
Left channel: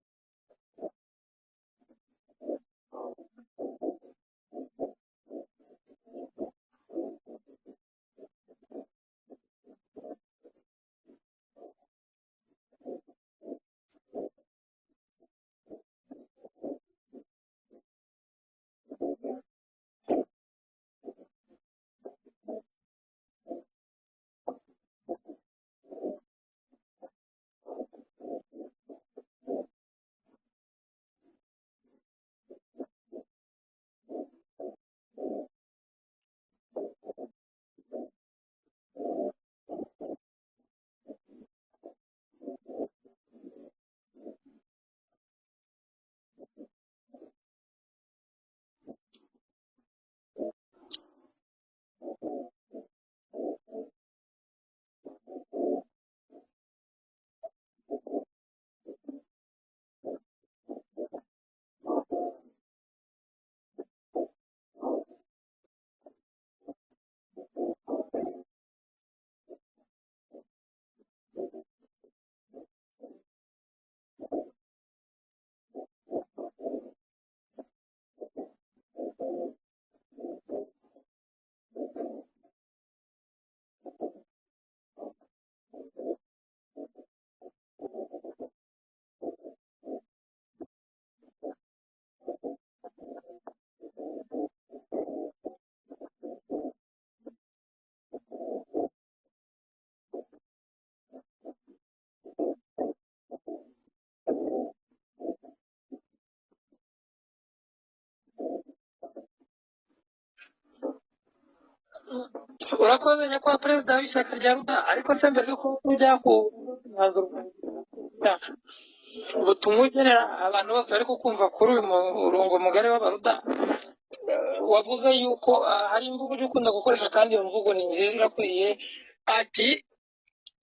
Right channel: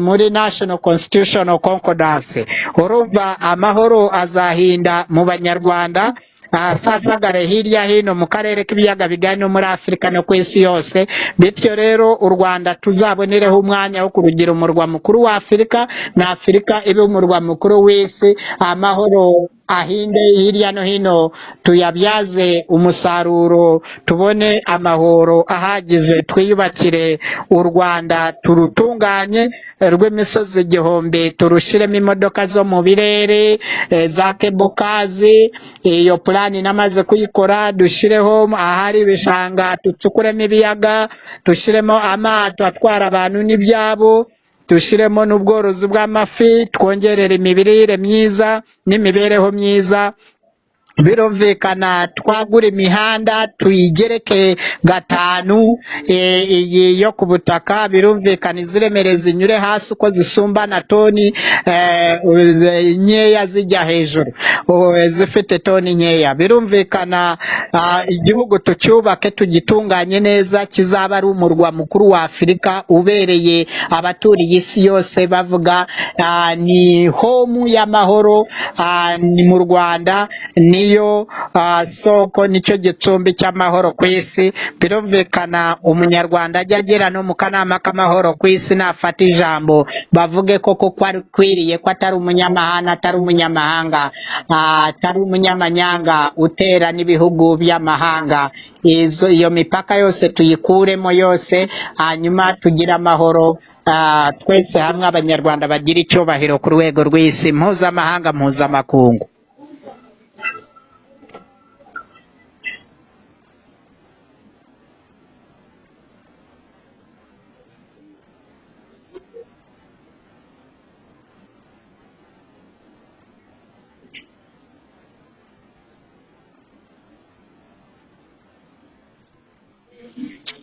muri National Constitutional Concordance urumva amahoro azahinda mu banyarwanda asasagare hirya hino mu karere k'ibiyaga bigari no muri Afurika no ku isi yose bityo rero u Rwanda tuzabonereho umwanya wo kurugira umurwa mukuru wa Afurika na Afurika ibe umurwa mukuru w'isi amahoro ahinde hirya no hino tuyabyaze umusaruro tubone amahoro ahagije twiyubakire u Rwanda turutunganye rw'imisozi igihumbi turushiremo imodoka zo mu birere za kebokazi iyo plani namaze kuyikora dushireho ahari ibishanga tucukuremo ibiyaga dushiremo amato atwara abantu n'ibyabo dushiremo n'ubworozi bw'amafi twongerera imirire myiza n'imibereho myiza birumvikana twagura imihanda tuyigereke gatanu iyi yo ku butaka birumvikana iziremere zinyure hasi uko zisumbana toni nkeya zijya hejuru zifite toni nkeya birumvikana igihugu tucyubake tugitunganye neza kizaba ari umurwa mukuru wa Afurika ubereye abaturiye isi yose bavuga ni home y'amahoro ni mu Rwanda niyo soko nicyo gicumbi cy'amahoro ku isi birumvikana umunyarwanda ajya agera no mu kanama k'amahoro ku isi nafata ijambo bavuge koko ko akwiriye ko atari umunyamahanga atari umunyamahanga atari umunyamanyanga utera n'ibihugu by'amahanga iyo mipaka yose tuyikuremo yose hanyuma tugira amahoro twese hamwe abanyarwanda bagira icyubahiro ku rwego rw'isi mpuzamahanga mpuzamakungu urakoze nyakubahwa perezida w'ishyaka rya ruda ariko se mbere yuko ujya ku mwanzuro wacu ubutumwa ugenera abantu bose bari kukumva kuri uyu murongo mugari w'abaruda wavuze yuko hari imvugo ujya ukunda gukoresha kandi iyo mvugo ni nziza irakwiriye ati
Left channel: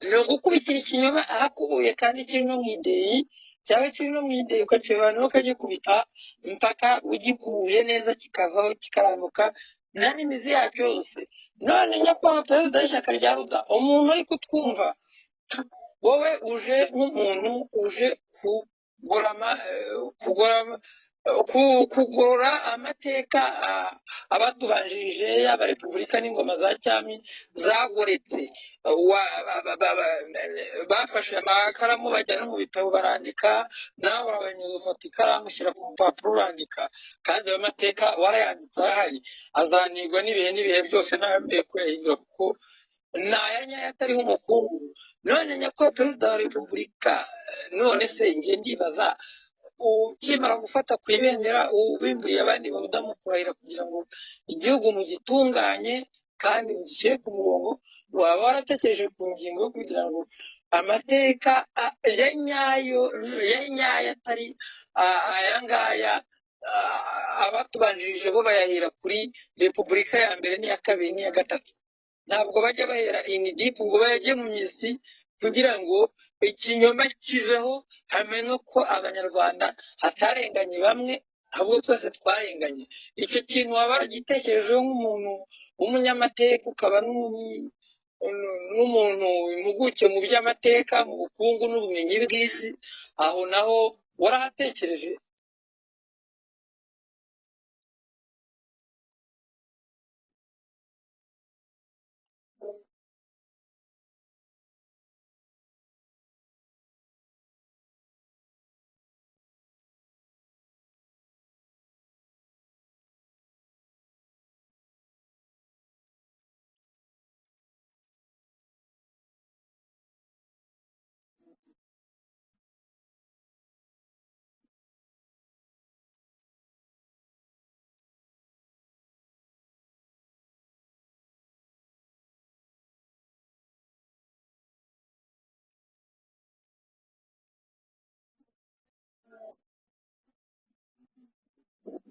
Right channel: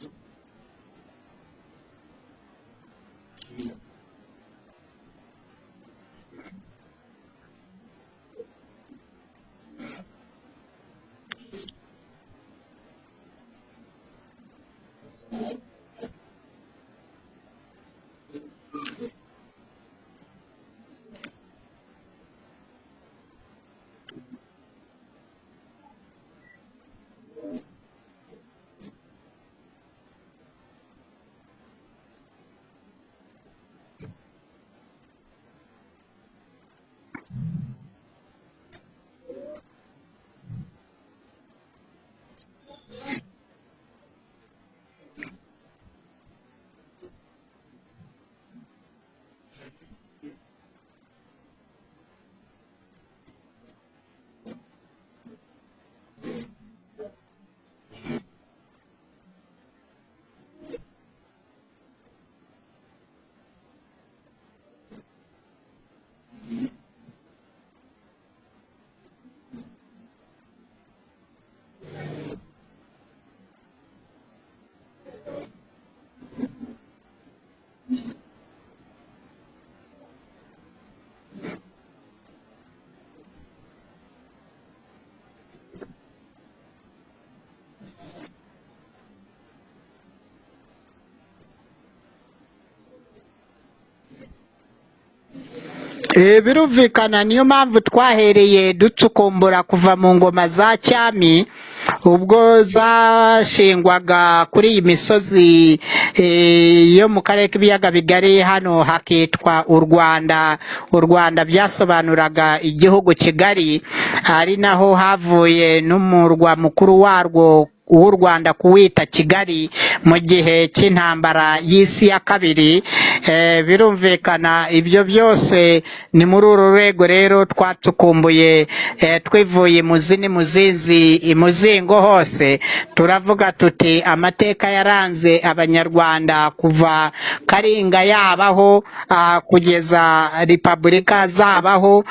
ni ugukubitira ikinyoma ahakubuye kandi kiri no mu ideyi cyaba kiri no mu ideyi ukakibana ukagikubita impaka ugikubuye neza kikavaho kikarambuka nta n'imizi yacyo yose none nyakubahwa perezida w'ishyaka rya ruda umuntu uri kutwumva wowe uje nk'umuntu uje kugorama kugorora amateka abatubanjirije yaba repubulika n'ingoma za cyami zagoretse. Bafashe amakaramu bajyana mu bitabo barandika, nawe urabanyuza ufata ikaramu ushyira ku rupapuro urandika, kandi ayo mateka warayanditse arahari, azanirwa n'ibihe byose ntayambere kuyahindura kuko ni aya nyayo atariho umukungu. None nyakubahwa perezida wa repubulika, none se njye ndibaza ukimara gufata ku ibendera ubimburiye abandi bamukurahira kugira ngo igihugu mugitunganye kandi mugishyire ku murongo, waba waratekereje ku ngingo yo kugira ngo amateka ya nyayo atari aya ngaya abatubanjirije bo bayahera kuri repubulika ya mbere n'iya kabiri n'iya gatatu, ntabwo bajya bahera inidipu ngo bayajye mu misi kugira ngo ikinyoma kiveho, hamenye ko abanyarwanda hatarenganye bamwe ahubwo twese twarenganye. Icyo kintu waba waragitekerejeho nk'umuntu w'umunyamateka, ukaba n'umuntu impuguke mu by'amateka, mu bukungu n'ubumenyi bw'isi, aho naho warahatekereje? Birumvikana, niyo mpamvu twahereye ducukumbura kuva mu ngoma za cyami ubwo zashingwaga kuri iyi misozi yo mu karere k'ibiyaga bigari, hano hakitwa u Rwanda. U Rwanda byasobanuraga igihugu kigari, ari naho havuye n'umurwa mukuru warwo w'u Rwanda kuwita Kigali mu gihe cy'intambara y'isi ya kabiri. Birumvikana ibyo byose ni muri uru rwego rero twacukumbuye, twivuye imuzi muzinzi imuzingo hose, turavuga tuti amateka yaranze abanyarwanda kuva Karinga yabaho kugeza repubulika zabaho,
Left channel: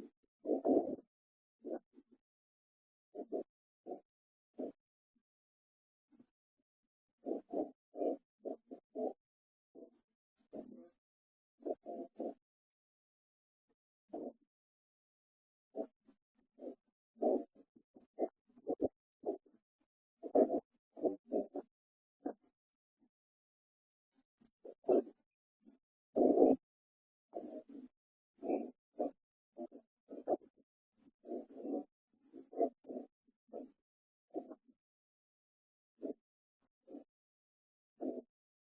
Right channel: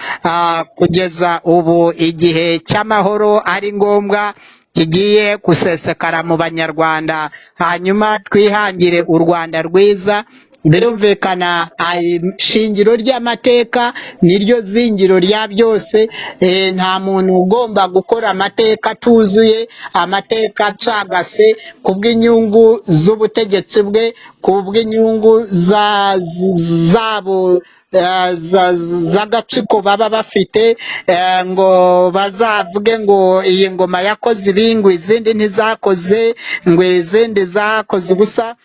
kugeza ubu igihe cy'amahoro ari ngombwa kigiye gusesekara mu banyarwanda, hanyuma twihangire u Rwanda rwiza. Birumvikana ishingiro ry'amateka niryo zingiro rya byose. Nta muntu ugomba gukora amateka atuzuye, amateka acagase ku bw'inyungu z'ubutegetsi bwe, ku bw'inyungu zabo z'agatsiko baba bafite, ngo bazavuge ngo iyi ngoma yakoze ibi, ngo izindi ntizakoze, ngo izindi zakoze ubusa.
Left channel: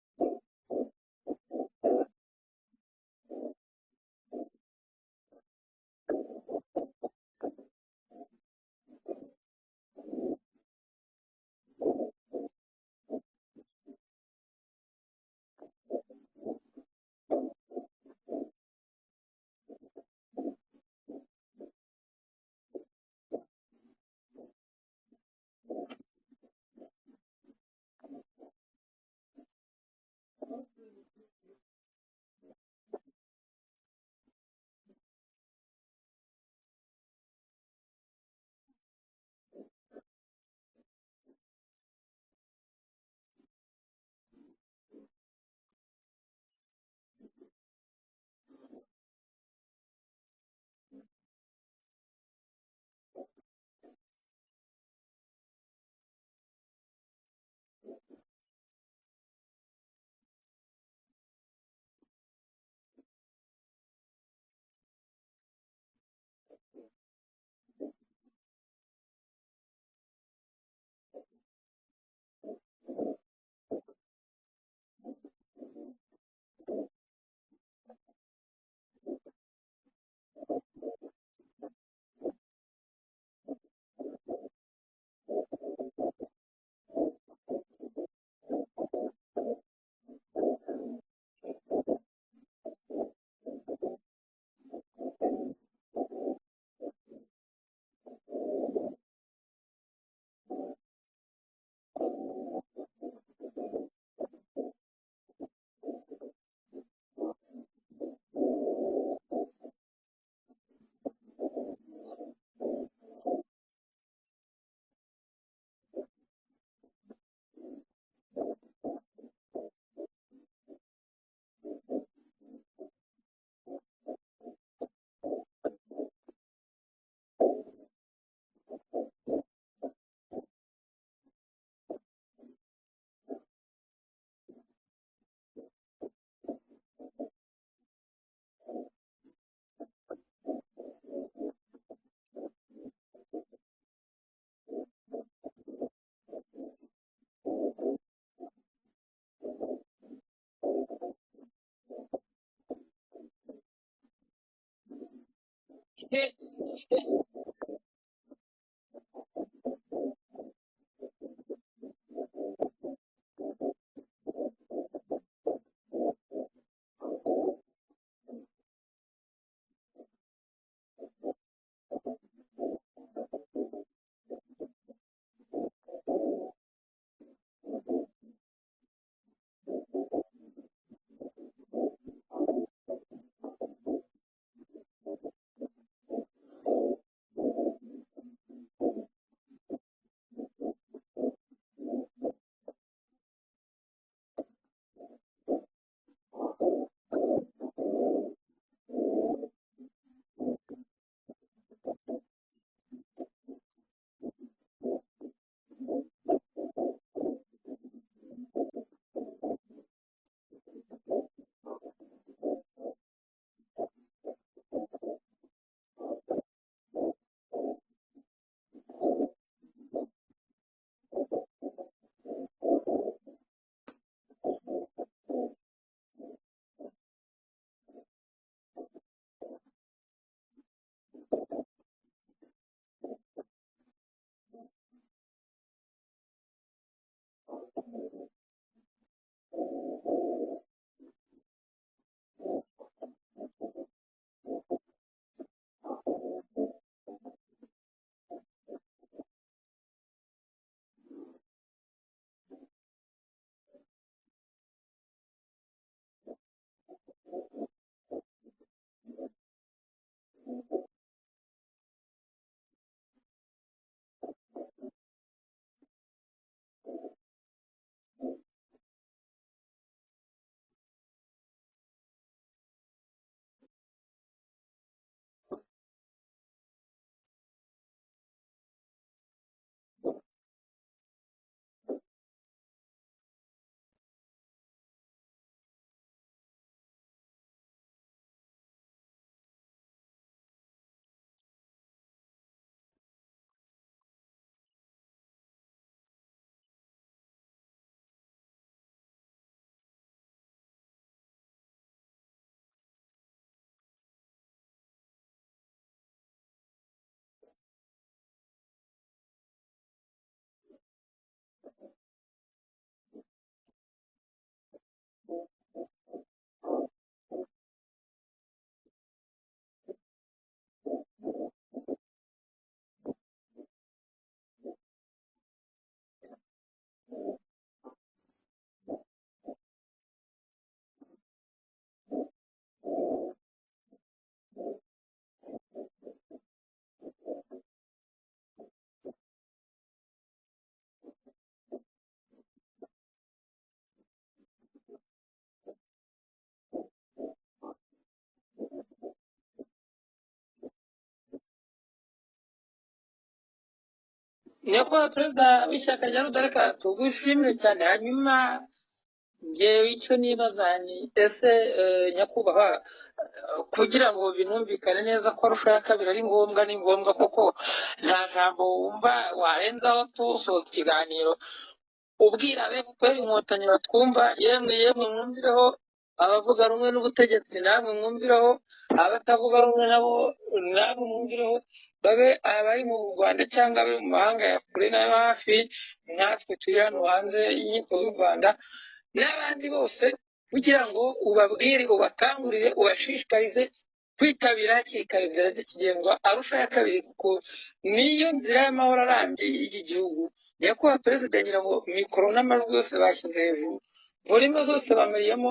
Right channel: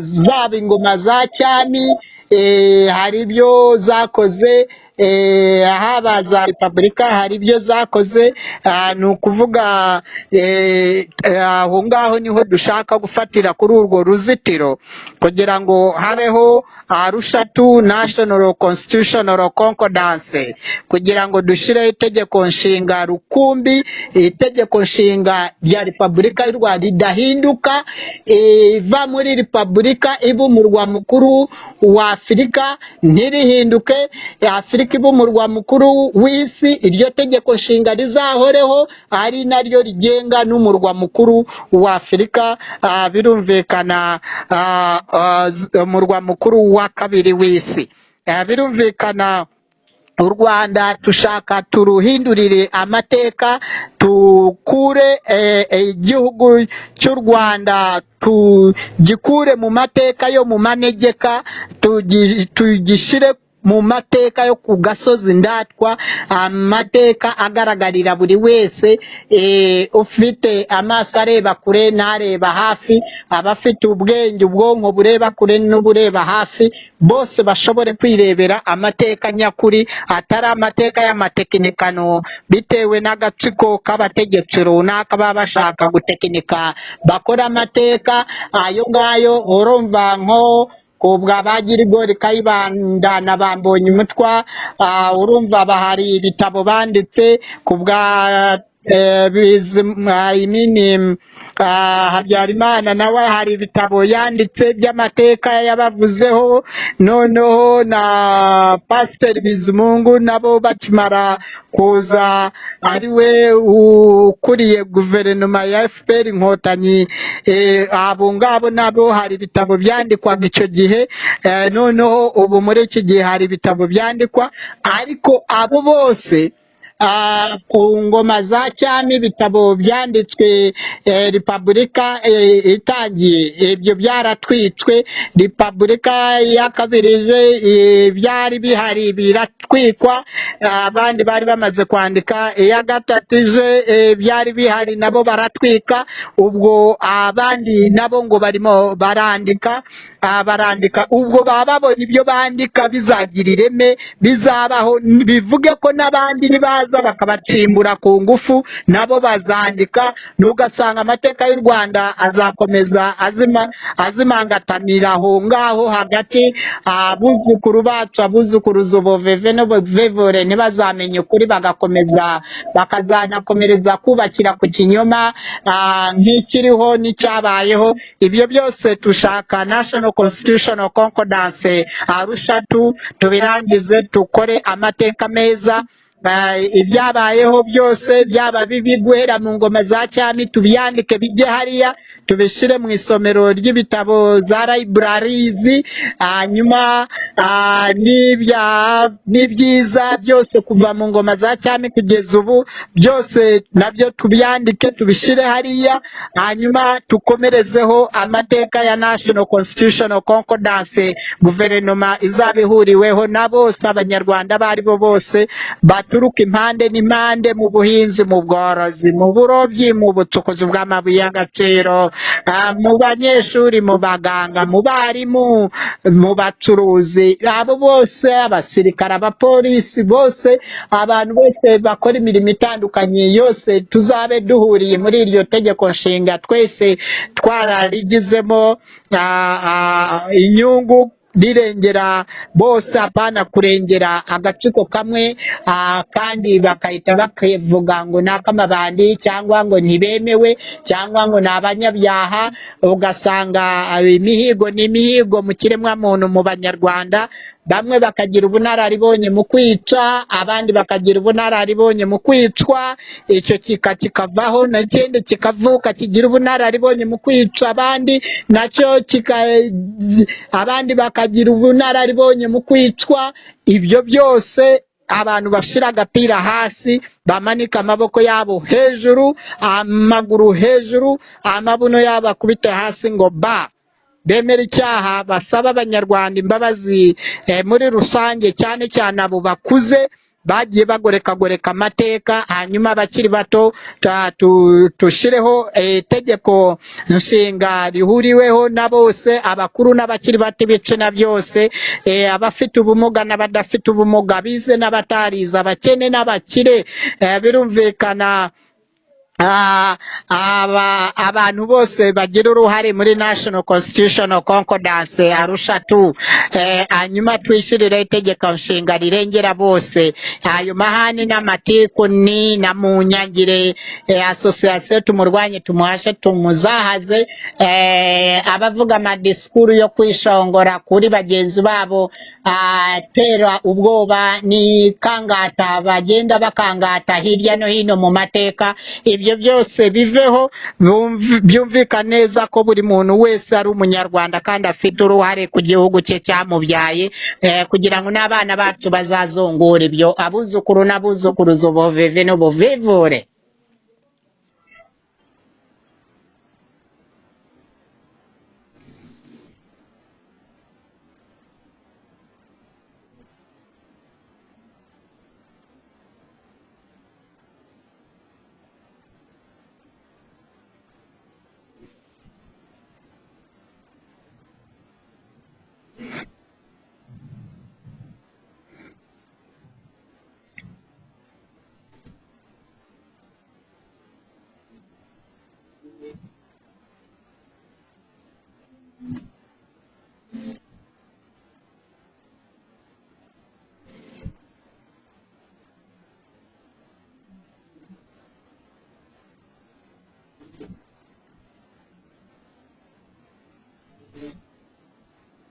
Zaba ingoma za cyami hari ibyo zakoze, haba za repubulika hari ibyo zakoze. Ni ukuvuga aho ngaho niho dushaka gufatira kuri urwo ruzitiro kugira ngo habeho Arusha II National Constitutional Concordance, kugira ngo dushireho itegeko nshinga rukumbi, itegeko nshinga rya repubulika y'u Rwanda ridahinduka, iva muri repubulika iba umurwa mukuru wa Afurika, ntirihinduke, Afurika iba umurwa mukuru w'isi. Iryo tegeko nshinga rizahoreho ari naryo rigenga n'umurwa mukuru wa Afurika. Birumvikana umurwa mukuru wa kabiri w'isi. Birumvikana u Rwanda tushaka turuhindurire amateka, tukure igihugu cy'u Rwanda tugikure mu mateka yo mu manegeka, tugishyire mu mateka yo ku gasozi ndatwa, amateka agaragarira buri wese, ufite amaso areba kure n'areba hafi, abafite ubwenge ubwonko bureba kure n'ubureba hafi, bose bashobore kwirebera amateka nyakuri, atari amateka y'amatekinikano bitewe n'agatsiko k'abategetsi runaka baba bashaka gutekinika bakora amateka ayo ngayo. Urumva nko kubwa Bagirigori Kayibanda na Bambonye Umutwa, urumva bahari ibitabo banditse kubwa Habyarimana nawe hari ibitabo yanditse by'amateka yabavuzeho. Noneho na Pasiteri Bizimungu nabo bakimara kuza ari we ukuriye guverinoma ya FPR Inkotanyi, abo ngabo nabo hari ibitabo byandikwaga icyo gihe. Noneho ubu muri iki gihe hari ibitabo byandikwa, ariko abo bose ku ngoma za cyami ibitabo byanditswe repubulika itangiye ibyo byaratwitswe, repubulika ya kabiri byari bihari biratwikwa, abandi bari bamaze kwandika, iya gatatu byari bihari nabo baratwika, ubwo abandi nabo ngo barimo barandika ubwo baba babona ibyo bandika bizagira ireme bizabaho, bivuge ko n'abandi nibaza bakabacimbura ku ngufu nabo bazandika, n'ugasanga amateka y'u Rwanda azakomeza azimangatamira aho ngaho hagati, abuzukuru bacu abuzukuruza ubuveve n'ubuvevure ntibazamenye ukuri, bakazanakomereza kubakira ku kinyoma nk'ikiriho n'icyabayeho. Ibyo byose tushaka National Constitutional Concordance Arusha tubirangize, tukore amateka meza, ibyabayeho byose byaba bibi guhera mu ngoma za cyami tubyandike bijye hariya, tubishyire mu isomero ry'ibitabo za libraries, hanyuma n'ibyiza byose kuva mu ngoma za cyami kugeza ubu byose nabyo tubyandike tubishyire hariya, hanyuma tukomerezeho amateka ya National Constitutional Concordance, guverinoma izaba ihuriweho na bose abanyarwanda bari bo bose baturuka impande n'impande, mu buhinzi, mu bworozi, mu burobyi, mu bucukuzi bw'amabuye y'agaciro, mu banyeshuri, mu baganga, mu barimu, mu bacuruzi, abo bose, abasirikare, abapolisi bose, abantu bose bakora imirimo itandukanye yose, tuzabe duhuriye muri iryo tegeko nshinga twese twararigizemo inyungu, rirengera bose, apana kurengera agatsiko kamwe, kandi bakahita bakavuga ngo ni akamabandi cyangwa ngo ntibemewe cyangwa ngo ni abanyabyaha, ugasanga imihigo n'imihigo mu kiremwamuntu mu banyarwanda, bamwe bakagira ubunararibonye mu kwica, abandi bakagira ubunararibonye mu kwicwa, icyo kikavaho, n'ikindi kikavuka kigira ubunararibonye mu kwica abandi, nacyo abandi bakagira ubunararibonye mu kwicwa. Ibyo byose abantu bashira agapira hasi, bamanika amaboko yabo hejuru, amaguru hejuru, amabuno yabo akubite hasi ngo bemera icyaha, basaba abanyarwanda imbabazi muri rusange, cyane cyane abo bakuze bagiye bagoreka amateka, hanyuma abakiri bato tushireho itegeko nshinga rihuriweho na bose, abakuru n'abakiri bato, ibitsina byose, abafite ubumuga n'abadafite ubumuga, bize n'abatarize, abakene n'abakire, birumvikana abantu bose bagira uruhare muri National Constitutional Concordance Arusha hanyuma twishyirire itegeko nshinga rirengera bose, ayo mahani n'amatiku ni na munyangire, association tumurwanye, tumuhashe, tumuzahaze, abavuga amadisikuru yo kwishongora kuri bagenzi babo, tera ubwoba ni kangata, bagenda bakangata hirya no hino mu mateka, ibyo byose biveho, byumvikane neza ko buri muntu wese ari umunyarwanda kandi afite uruhare ku gihugu cye cyamubyaye, kugira ngo n'abana bacu bazazongora ibyo, abuzukuru n'abuzukuruza ubuveve n'ubuvivure. nyakubahwa perezida w'ishyaka rya rudarika tugushimire cyane. Hanyuma ngewe icyo nibaza ni ese nyakubahwa, kugira ngo binumvikane neza ko Arusha ya kabiri ari ngombwa, ni ngombwa koko, nta jambo wumva warenzaho tusoza ikiganiro ubwira abefuperi inkotanyi batwumva, yemwe mwumvireho, abavuga rumwe n'ubutegetsi namwe mwumvireho, abatavuga rumwe nabo namwe mwumvireho, babe abari mu Rwanda cyangwa abari mu mahanga ya kure n'ayo hafi, natwe turi hano hanze y'inkiko z'u Rwanda, n'abandi bose, kugira ngo ubabwire, ubakangurire, ubashishikarize kwitabira hakiri kare inzira z'ikigengwa Arusha ya kabiri, kuko niyo nzira y'amahoro arambye y'iki gihugu. nyakubahwa perezida, ngira ngo mikoro n'amajwi yose bashyize hejuru, volime zose bameriyemo,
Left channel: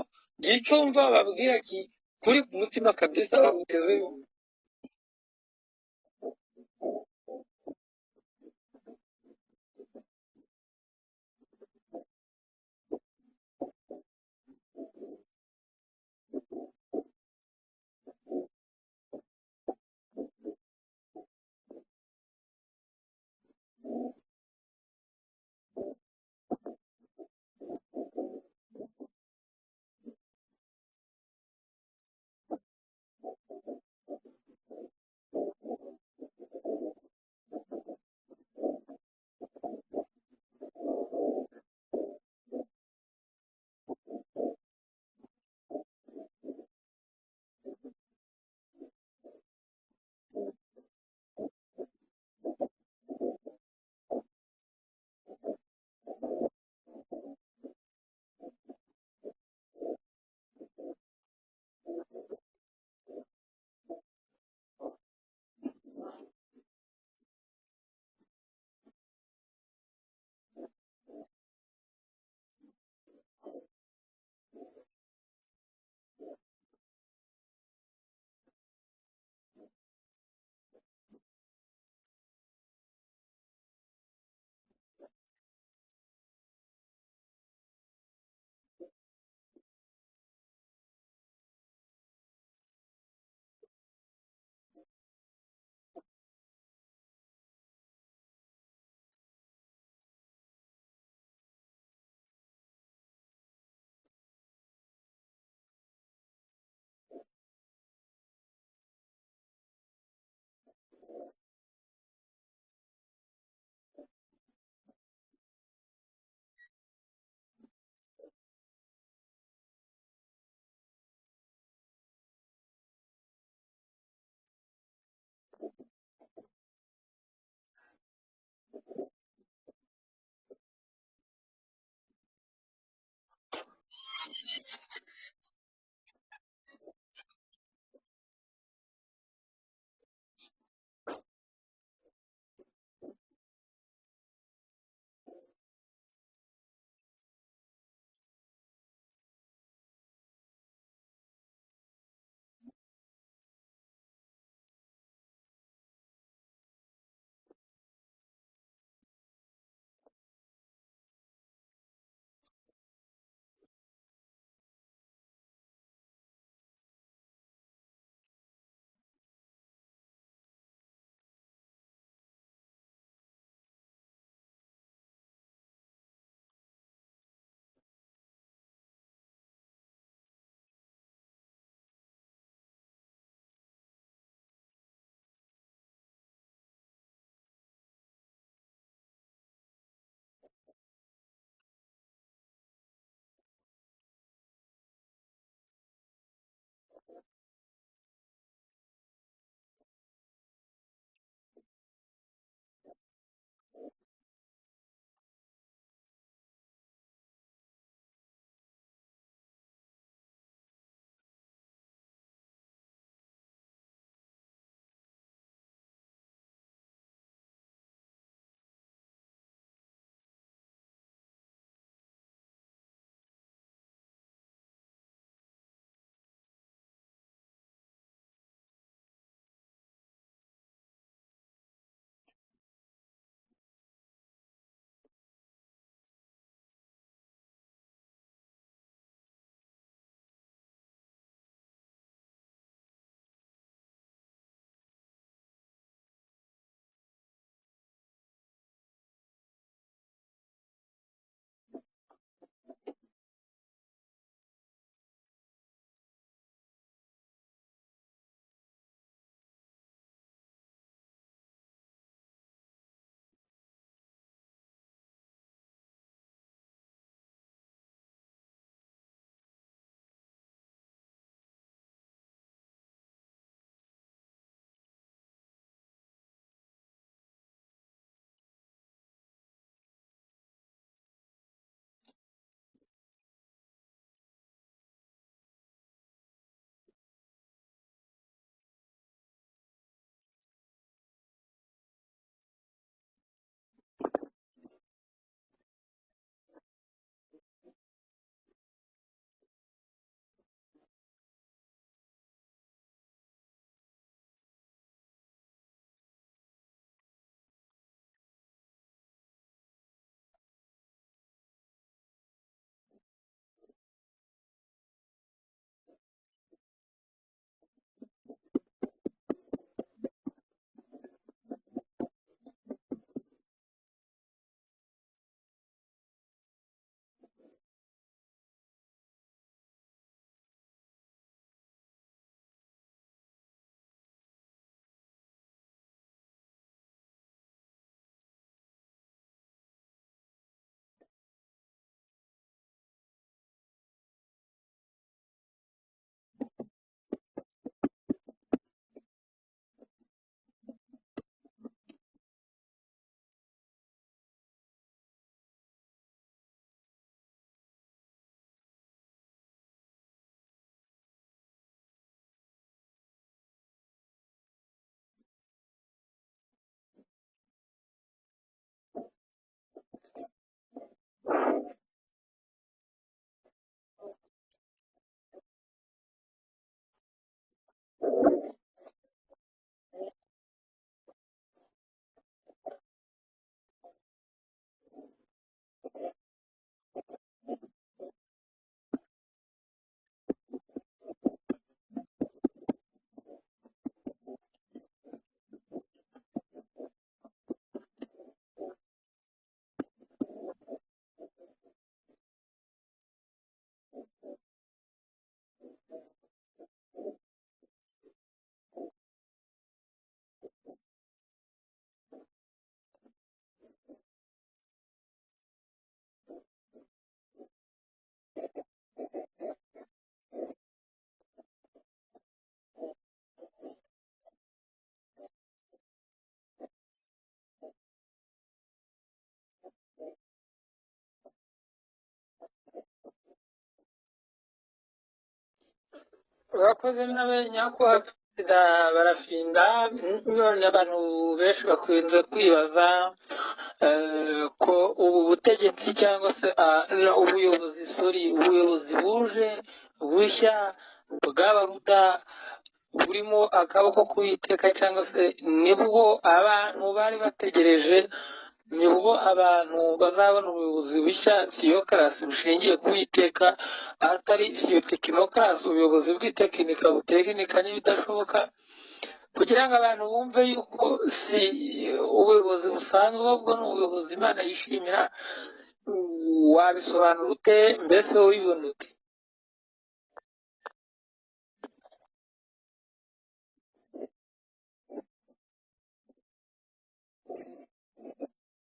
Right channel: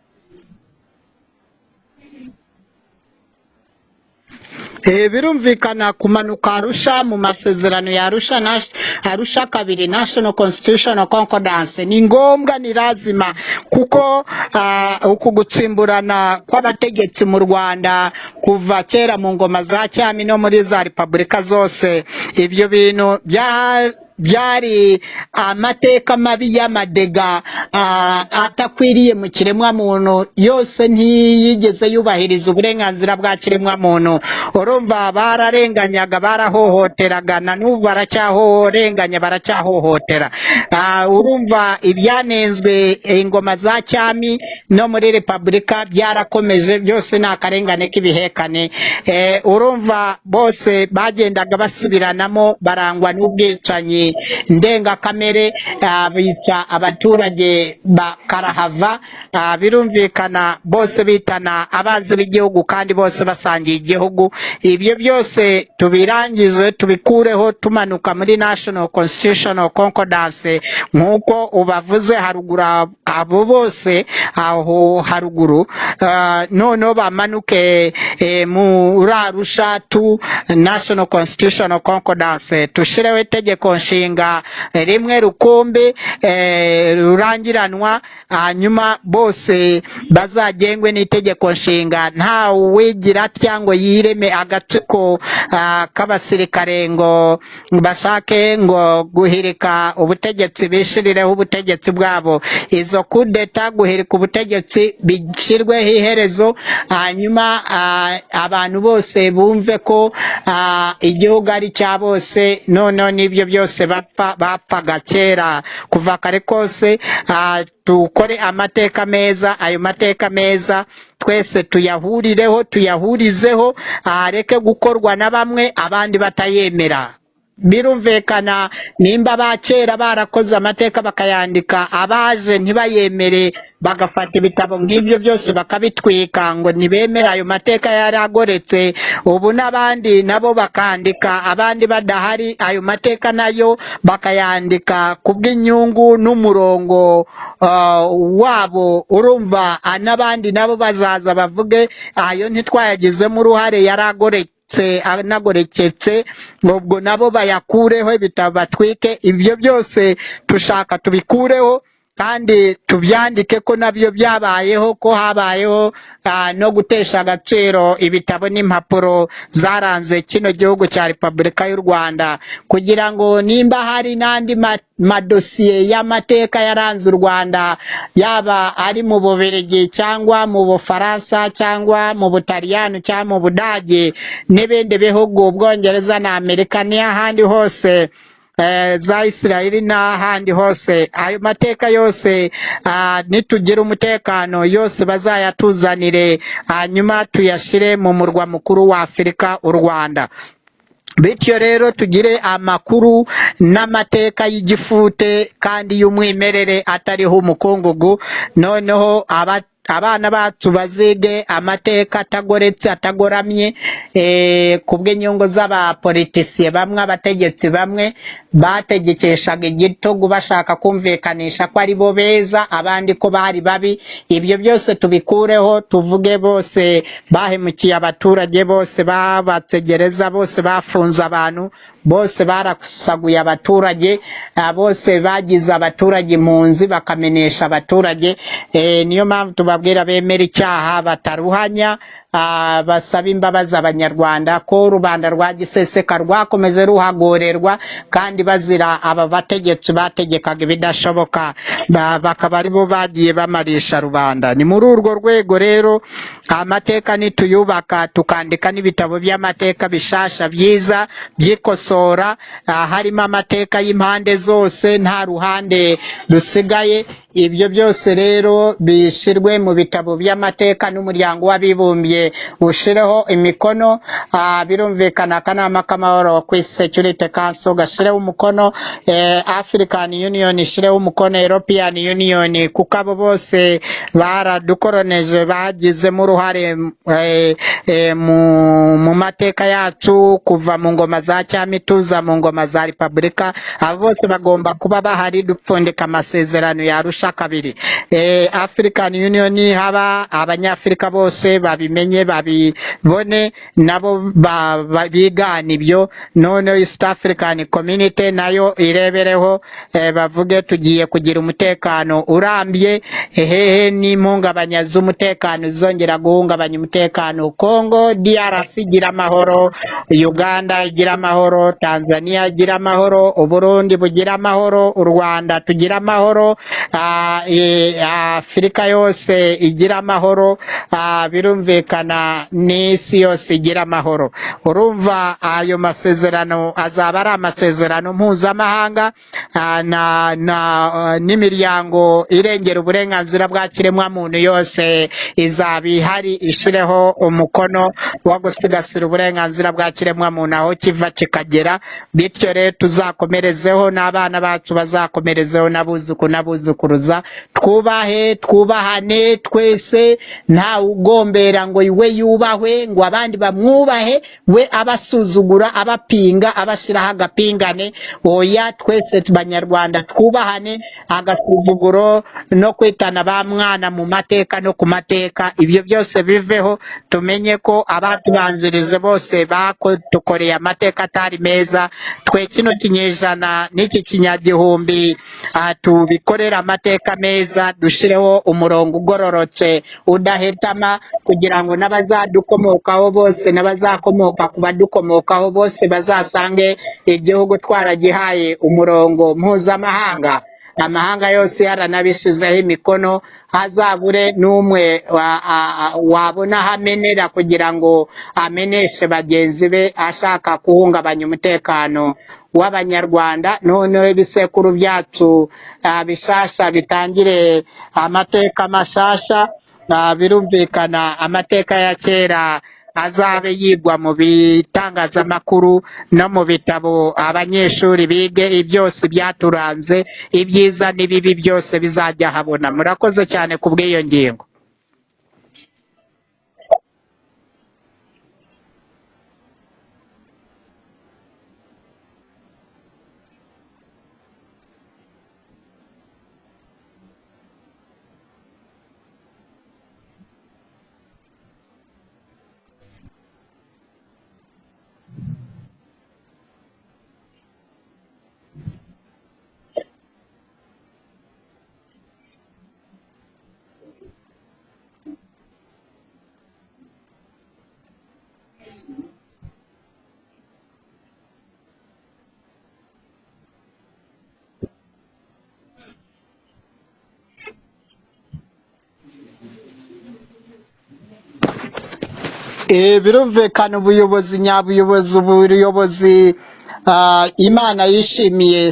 icyo wumva bababwira kuri ku mutima kabisa, bagutezeho. Birumvikana kumanuka Arusha mu masezerano ya Arusha Arusha kabiri National Constitutional Concordance ni ngombwa, ni lazima, kuko uku gutsimburana kw'abategetsi mu Rwanda kuva kera mu ngoma za cyami no muri za repubulika zose, ibyo bintu byari amateka mabi y'amadega atakwiriye mu kiremwa muntu, yose ntiyigeze yubahiriza uburenganzira bwa kiremwa muntu. Urumva bararenganyaga, barahohoteraga, na n'ubu baracyarenganya, baracyahohotera. Urumva ibyanenzwe ingoma za cyami no muri repubulika byarakomeje, byose ni akarengane k'ibihekane. Urumva bose bagendaga basubiranamo, barangwa n'ubwicanyi ndengakamere, bica abaturage bakarahava. Birumvikana bose bitana abanzi b'igihugu kandi bose basangiye igihugu. Ibyo byose tubirangize, tubikureho, tumanuka muri National Constitutional Concordance nk'uko ubavuze haruguru, abo bose aho haruguru, noneho bamanuke muri Arusha tu National Constitutional Concordance, tushireho itegeko nshinga rimwe rukumbi rurangiranwa, hanyuma bose bazagengwe n'itegeko nshinga, nta uwigira cyangwa yireme agatsiko k'abasirikare ngo bashake ngo guhirika ubutegetsi, bishirireho ubutegetsi bwabo. Izo kudeta, guhirika ubutegetsi, bishyirweho iherezo, hanyuma abantu bose bumve ko igihugu ari cya bose. Noneho n'ibyo byose bapfaga kera kuva kare kose, tukore amateka meza. Ayo mateka meza twese tuyahurireho, tuyahurizeho, areke gukorwa na bamwe abandi batayemera. Birumvikana nimba abakera barakoze amateka bakayandika, abaje ntibayemere, bagafata ibitabo nk'ibyo byose bakabitwika ngo ntibemera ayo mateka yari agoretse, ubu n'abandi nabo bakandika, abandi badahari, ayo mateka nayo bakayandika kubw'inyungu n'umurongo wabo. Urumva n'abandi nabo bazaza bavuge ayo ntitwayagizemo uruhare, yari agoretse, anagoreketse, ubwo nabo bayakureho, ibitabo batwike. Ibyo byose tushaka tubikureho kandi tubyandike ko nabyo byabayeho, ko habayeho no gutesha agaciro ibitabo n'impapuro zaranze kino gihugu cya Repubulika y'u Rwanda, kugira ngo nimba hari n'andi madosiye y'amateka yaranze u Rwanda, yaba ari mu Bubiligi cyangwa mu Bufaransa cyangwa mu Butaliyani cyangwa mu Budage n'ibindi bihugu, Ubwongereza na Amerika n'ahandi hose, za Israeli n'ahandi hose, ayo mateka yose nitugira umutekano yose bazayatuzanire, hanyuma tuyashyire mu murwa mukuru wa Afurika, u Rwanda. Bityo rero tugire amakuru n'amateka y'igifute kandi y'umwimerere, atariho umukungugu. Noneho abana bacu bazige amateka atagoretse, atagoramye, kubw'inyungu z'abapolitisiye bamwe, abategetsi bamwe bategekeshaga igitugu bashaka kumvikanisha ko ari bo beza, abandi ko bari babi. Ibyo byose tubikureho, tuvuge bose bahemukiye abaturage, bose babategereza, bose bafunze abantu, bose barasaguye abaturage, bose bagize abaturage impunzi, bakamenesha abaturage. Niyo mpamvu tubabwira bemera icyaha bataruhanya, basaba imbabazi Abanyarwanda ko rubanda rwa giseseka rwakomeze ruhagorerwa, kandi bazira aba bategetsi bategekaga ibidashoboka, bakaba aribo bagiye bamarisha rubanda. Ni muri urwo rwego rero amateka nituyubaka, tukandika n'ibitabo by'amateka bishasha byiza byikosora, harimo amateka y'impande zose, nta ruhande rusigaye. Ibyo byose rero bishyirwe mu bitabo by'amateka, n'umuryango w'abibumbye ushireho imikono. Birumvikana akanama k'amahoro ku isi Security Council gashireho umukono, African Union ishireho umukono, European Union, kuko abo bose baradukoroneje, bagizemo uruhare mu mateka yacu kuva mu ngoma za cyami tuza mu ngoma za repubulika. Abo bose bagomba kuba bahari, dupfundika amasezerano ya Arusha ubusa kabiri. African Union haba abanyafrika bose babimenye babibone nabo bigana ibyo, none East African Community nayo irebereho bavuge tugiye kugira umutekano urambye, hehe n'impungabanya z'umutekano zongera guhungabanya umutekano. Congo DRC igira amahoro, Uganda igira amahoro, Tanzania igira amahoro, Uburundi bugira amahoro, u Rwanda tugira amahoro, Afurika yose igira amahoro, birumvikana n'isi yose igira amahoro. Urumva ayo masezerano azaba ari amasezerano mpuzamahanga n'imiryango irengera uburenganzira bwa kiremwamuntu yose izaba ihari ishireho umukono wo gusigasira uburenganzira bwa kiremwamuntu aho kiva kikagera, bityo rero tuzakomerezeho n'abana bacu bazakomerezeho n'abuzukuruza. Twubahane twese, nta ugombera ngo we yubahwe ngo abandi bamwubahe, we abasuzugura abapinga abashiraho agapingane. Oya, twese banyarwanda twubahane, agasuzuguro no kwitana ba mwana mu mateka no ku mateka ibyo byose biveho. Tumenye ko abatubanzirize bose badukoreye amateka atari meza, twe kino kinyejana n'iki kinyagihumbi tubikorera amateka meza, dushireho umurongo ugororotse udahetama, kugira ngo n'abazadukomokaho bose n'abazakomoka ku badukomokaho bose bazasange igihugu twaragihaye umurongo mpuzamahanga. Amahanga yose yaranabishizeho imikono, hazabure n'umwe wabona hamenera kugira ngo ameneshe bagenzi be ashaka guhungabanya umutekano w'abanyarwanda. Noneho ibisekuru byacu bishasha bitangire amateka mashasha, birumvikana amateka ya kera azabe yigwa mu bitangazamakuru no mu bitabo, abanyeshuri bige byose byaturanze, ibyiza n'ibibi byose bizajya habona. Murakoze cyane ku bw'iyo ngingo. urakoze nawe nyakubahwa perezida barafinda. none abantu benshi bakunze kwibaza ko ubu butegetsi cyangwa se ubuyobozi buje bushya bwaba burimo akaboko k'Uwiteka, cyangwa se nibwo abantu bari bategereje, nibwo abantu bazabona ubuyobozi bushya, theocracy bushingiye ku Uwiteka, atari theotekinokrasi, ubuyobozi bw'itekinika butekinika n'ibidashoboka, kugira ngo abantu bumve yuko si ubuyobozi busanzwe, ubwo ni ubuyobozi Imana yishimira. Wabisobanura ute? Mbese ubibona ute? Birumvikana ubuyobozi ubuyobozi Imana yishimiye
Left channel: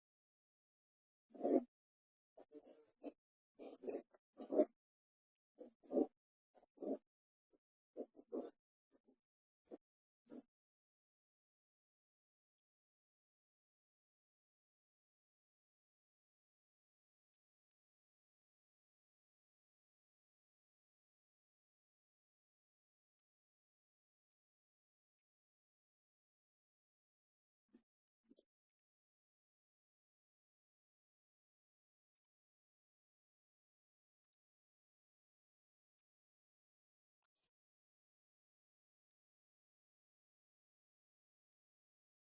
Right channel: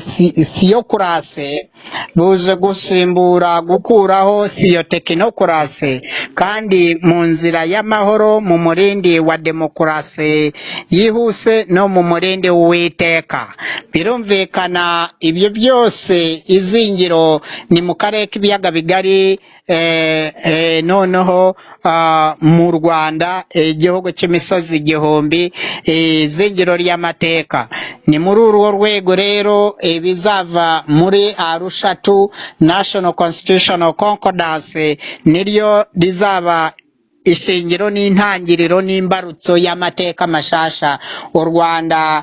theocracy buje gusimbura gukuraho theotekinokrasi, kandi mu nzira y'amahoro, mu murindi wa demokarasi yihuse no mu murindi w'Uwiteka. Birumvikana ibyo byose izingiro ni mu karere k'ibiyaga bigari, noneho mu Rwanda igihugu cy'imisozi igihumbi, izingiro ry'amateka. Ni muri urwo rwego rero bizava muri Arusha 2 National Constitutional Concordance niryo rizaba ishingiro n'intangiriro n'imbarutso y'amateka mashasha u Rwanda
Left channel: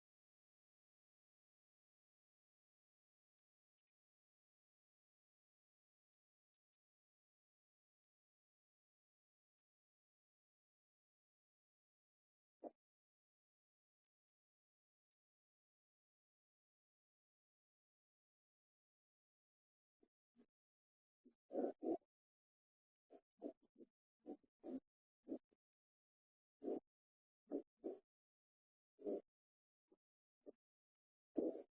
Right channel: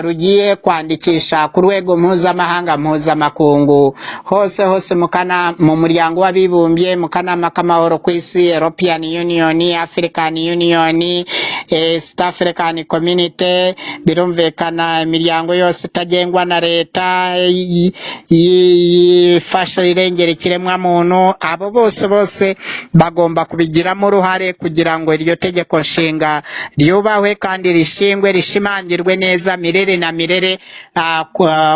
rugiye kwandikisha ku rwego mpuzamakungu hose mu muryango w'abibumbye, mu kanama k'amahoro ku isi, European Union, African Union, East African Community. Birumvikana imiryango yose itagengwa na leta yifasha irengera ikiremwamuntu, abo bose bagomba kubigiramo uruhare kugira ngo iryo tegeko nshinga ryubahwe kandi rishingwe, rishimangirwe neza mirere na mirere,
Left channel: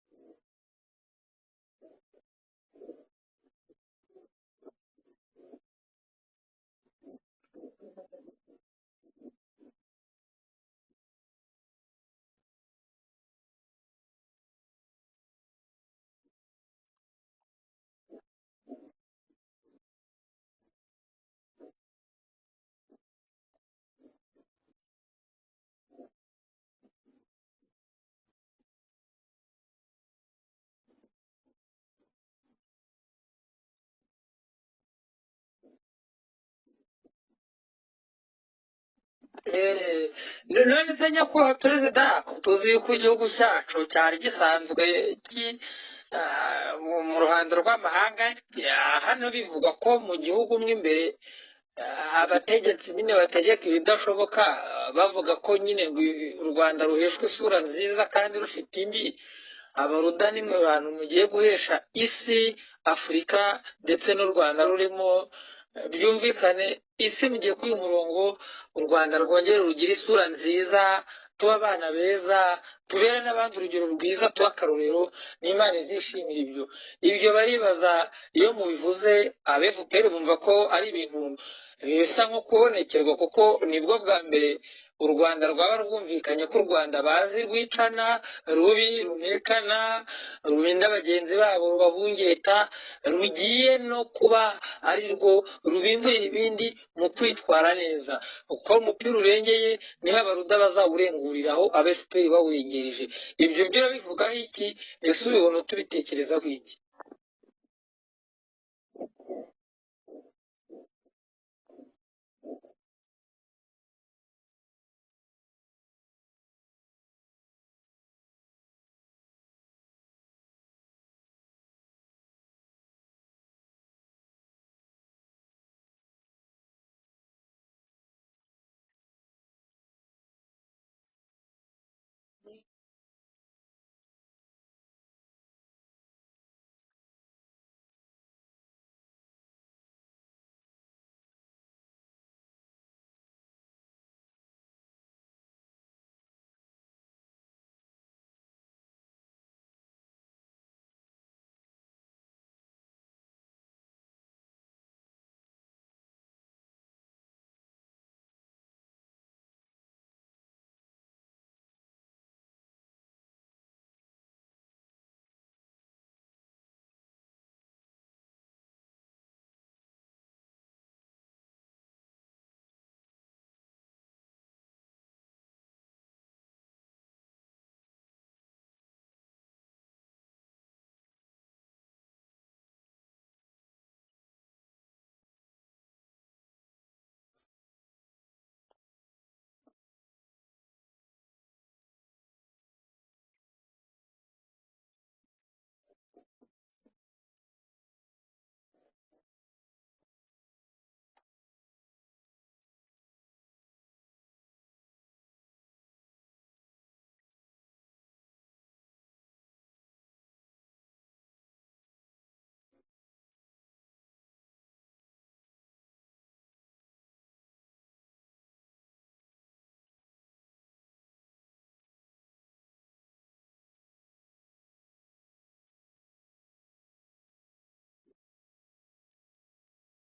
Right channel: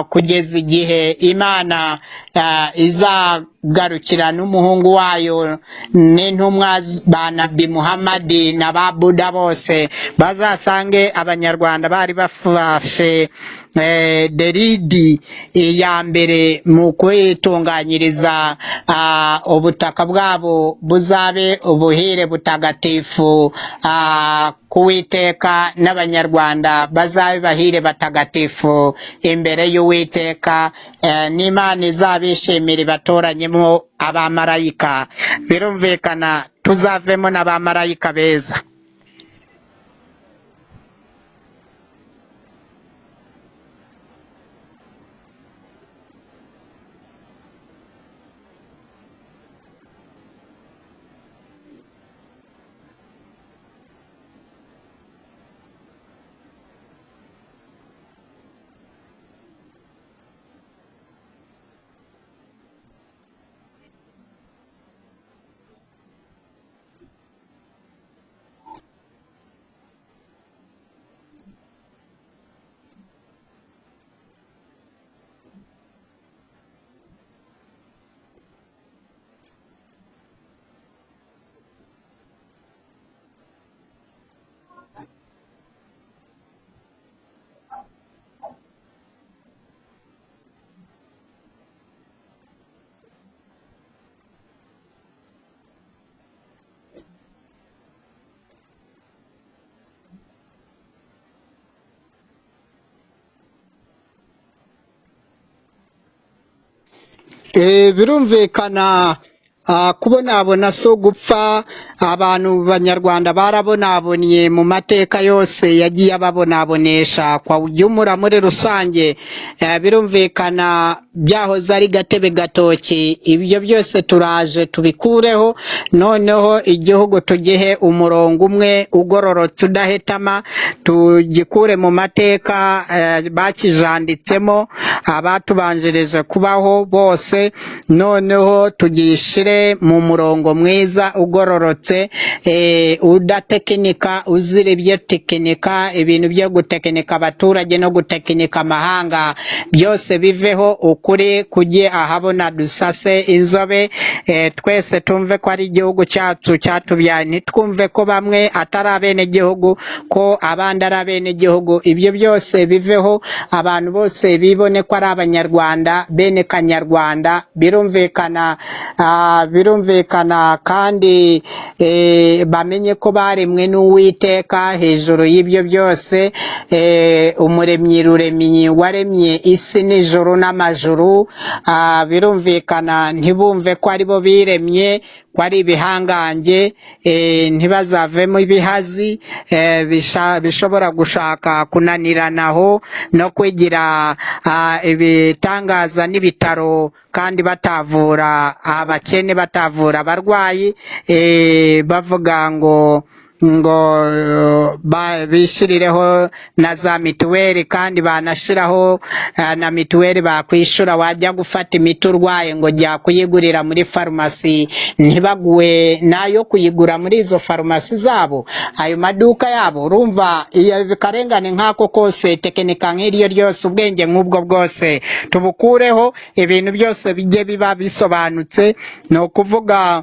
kugeza igihe Imana izagarukira n'umuhungu wayo n'intumwa ba Nabi Muhammadi na ba Buda bose bazasange abanyarwanda bari bafashe deridi ya mbere mu kwitunganyiriza ubutaka bwabo buzabe ubuhire butagatifu k'Uwiteka, n'abanyarwanda bazabe bahire batagatifu imbere y'Uwiteka. n'Imana izabishimira ibatoranye tuzavemo abamarayika, birumvikana tuzavemo n'abamarayika beza. none se nyakubahwa perezida tuzi yuko igihugu cyacu cyari gisanzwe mu ruhando rw'amahanga, hano bivuga ko mu gihugu mo imbere abategetsi nyine bategeka ibidashoboka, bavuga ko nyine u Rwanda ruheshwa isura nziza kandi rufite indi. Abaruda nimwe bantu mugiye guhesha isi, Afurika ndetse n'u Rwanda rurimo, byumvikane isi mugiye kuri murongo, u Rwanda rwongere rugira isura nziza, tuba abana beza, tubere n'abandi urugero rwiza, tuba akarorero, n'Imana izishimira ibyo baribaza. Iyo mubivuze abefuperi bumva ko ari ibintu bisa nko kubonekerwa, kuko nibwo bwa mbere u Rwanda rwaba rwumvikanye ko u Rwanda bazi rwicana, rubi, runekana, rurinda bagenzi babo, rubahungeta, rugiye no kuba ari rwo rubimbura ibindi mu kwitwara neza. Uko umupira urengeye niho abaruda bazawurenguriraho, abefuperi bawurengereje. Ibyo byo bivugaho iki? Ese ubibona tubitekerezaho iki? Birumvikana kubonabona so gupfa. Abantu banyarwanda barabonabonye mu mateka yose yagiye ababonabonesha kwa ujyumura muri rusange. Birumvikana byahoze ari gatebe gatoki, ibyo byose turaje tubikureho, noneho igihugu tugihe umurongo umwe ugororotse udahetama, tugikure mu mateka bakijanditsemo abatubanjirije kubaho bose, noneho tugishire mu murongo mwiza ugororotse, udatekinika, uzira ibyo tekinika, ibintu byo gutekinika abaturage no gutekinika amahanga, byose biveho, ukuri kujye ahabona, dusase inzobe. Twese tumve ko ari igihugu cyacu cyatubyaye, ntitwumve ko bamwe atari abene gihugu, ko abandi ari abene gihugu. Ibyo byose biveho, abantu bose bibone ko ari abanyarwanda, bene kanyarwanda. Birumvikana kandi bamenye ko baremwe n'Uwiteka. Hejuru y'ibyo byose, umuremyi ruremyi waremye isi n'ijuru n'amajuru. Birumvikana ntibumve ko ari bo biremye, ko ari ibihangange, ntibazavemo ibihazi bishobora gushaka kunaniranaho no kwigira ibitangaza n'ibitaro kandi batavura abakene, batavura abarwayi, bavuga ngo bishyirireho na za mituweli, kandi banashiraho na mituweli bakwishura. Wajya gufata imiti urwaye ngo jya kuyigurira muri farumasi, ntibaguwe nayo kuyigura muri izo farumasi zabo, ayo maduka yabo. Urumva bikarengane nk'ako kose, tekinika nk'iryo ryose, ubwenge nk'ubwo bwose tubukureho, ibintu byose bijye biba bisobanutse. Ni ukuvuga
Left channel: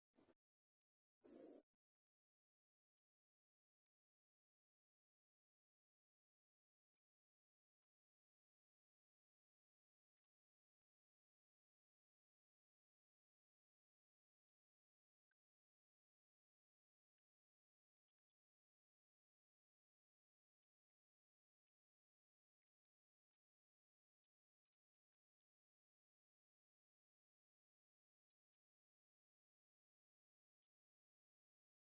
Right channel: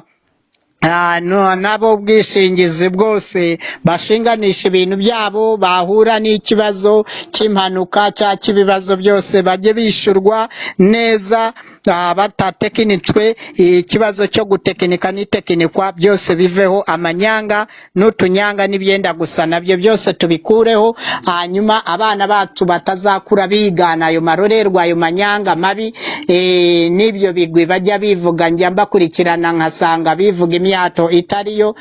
nabo ubwishingizi bwose bashinganisha ibintu byabo, bahura n'ikibazo cy'impanuka cyangwa cy'ibibazo byose bajye bishyurwa neza, batatekinitswe. Ikibazo cyo gutekinika n'itekinikwa byose biveho, amanyanga n'utunyanga n'ibyenda gusa nabyo byose tubikureho. Hanyuma abana bacu batazakura bigana ayo marorerwa, ayo manyanga mabi, n'ibyo bigwi bajya bivuga, njya mbakurikirana nkasanga bivuga imyato itariyo.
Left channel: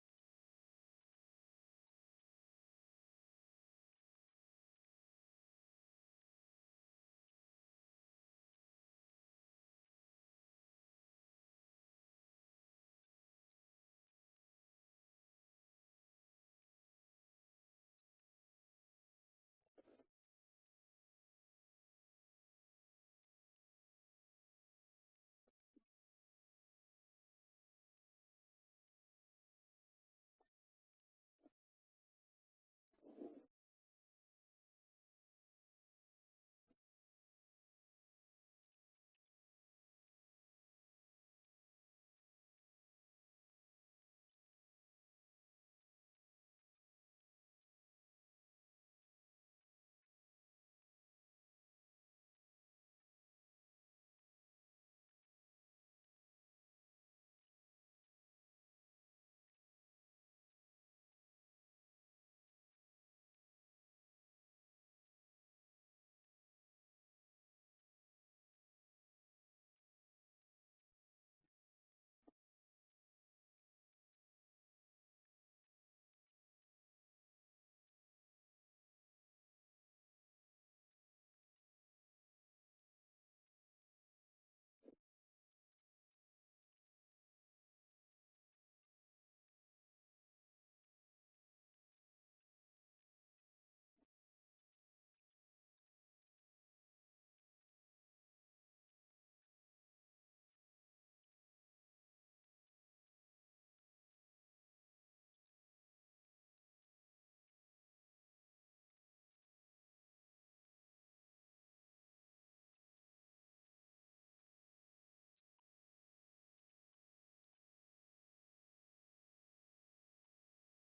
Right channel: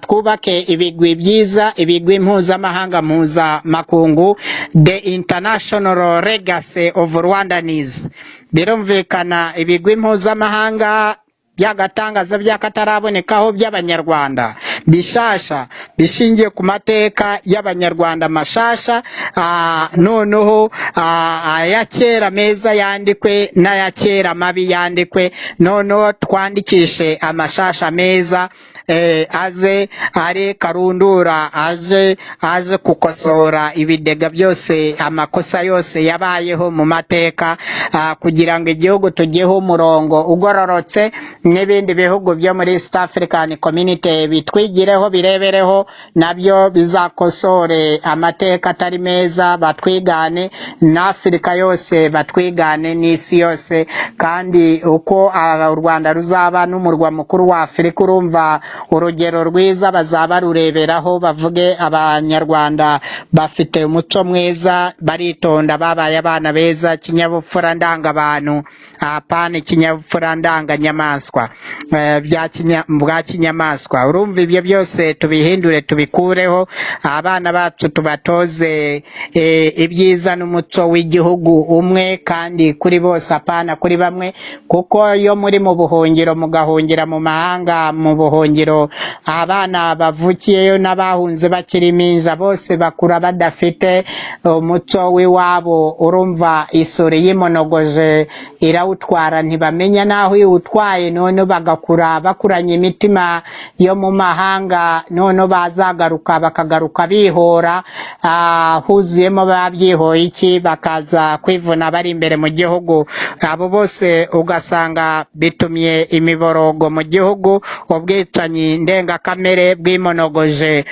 Twubake ibigwi byiza, ibigwi mpuzamahanga, mpuzamakungu, the international legacy of Rwandanese. Birumvikana ibigwi mpuzamahanga by'agatangaza by'akatarabonekaho by'abanyarwanda bishasha, bishingiye ku mateka y'abanyarwanda mashasha, noneho aya kera meza yandikwe n'aya kera mabi yandikwe, noneho twandikishe amashasha meza, aze ari karundura, aze kukosora ibidega byose, amakosa yose yabayeho mu mateka, kugira ngo igihugu tugiheho umurongo ugororotse, n'ibindi bihugu byo muri East African Community bitwigireho, birebereho, nabyo bizakosore amateka atari meza, batwigane, n'Afrika yose batwigane, n'isi yose. Kandi uko u Rwanda ruzaba n'umurwa mukuru wa Afurika, urumva urugero rwiza bazaba rureberaho bavuge abanyarwanda bafite umuco mwiza baritonda babaye abana beza kinyabupfura ndangabantu apana ikinyabupfura ndanganyamaswa bwa kinyamaswa urumva ibyo byose tubihindure tubikureho abana bacu tubatoze ibyiza n'umuco w'igihugu umwe kandi kuri bose apana kuri bamwe kuko iyo muri mu buhungiro mugahungira mu mahanga mu buhungiro abana bavukiyeyo n'abahunze bakiri impinja bose bakura badafite umuco w'iwabo urumva isuri y'imonogoje irawutwara ntibamenya naho iwutwaye none bagakura bakuranye imitima yo mu mahanga none bazagaruka bakagaruka bihora huzuyemo babyihoye iki bakaza kwivuna bari imbere mu gihugu abo bose ugasanga bitumye imiborogo mu gihugu ubwicanyi ndengakamere bw'imonogoje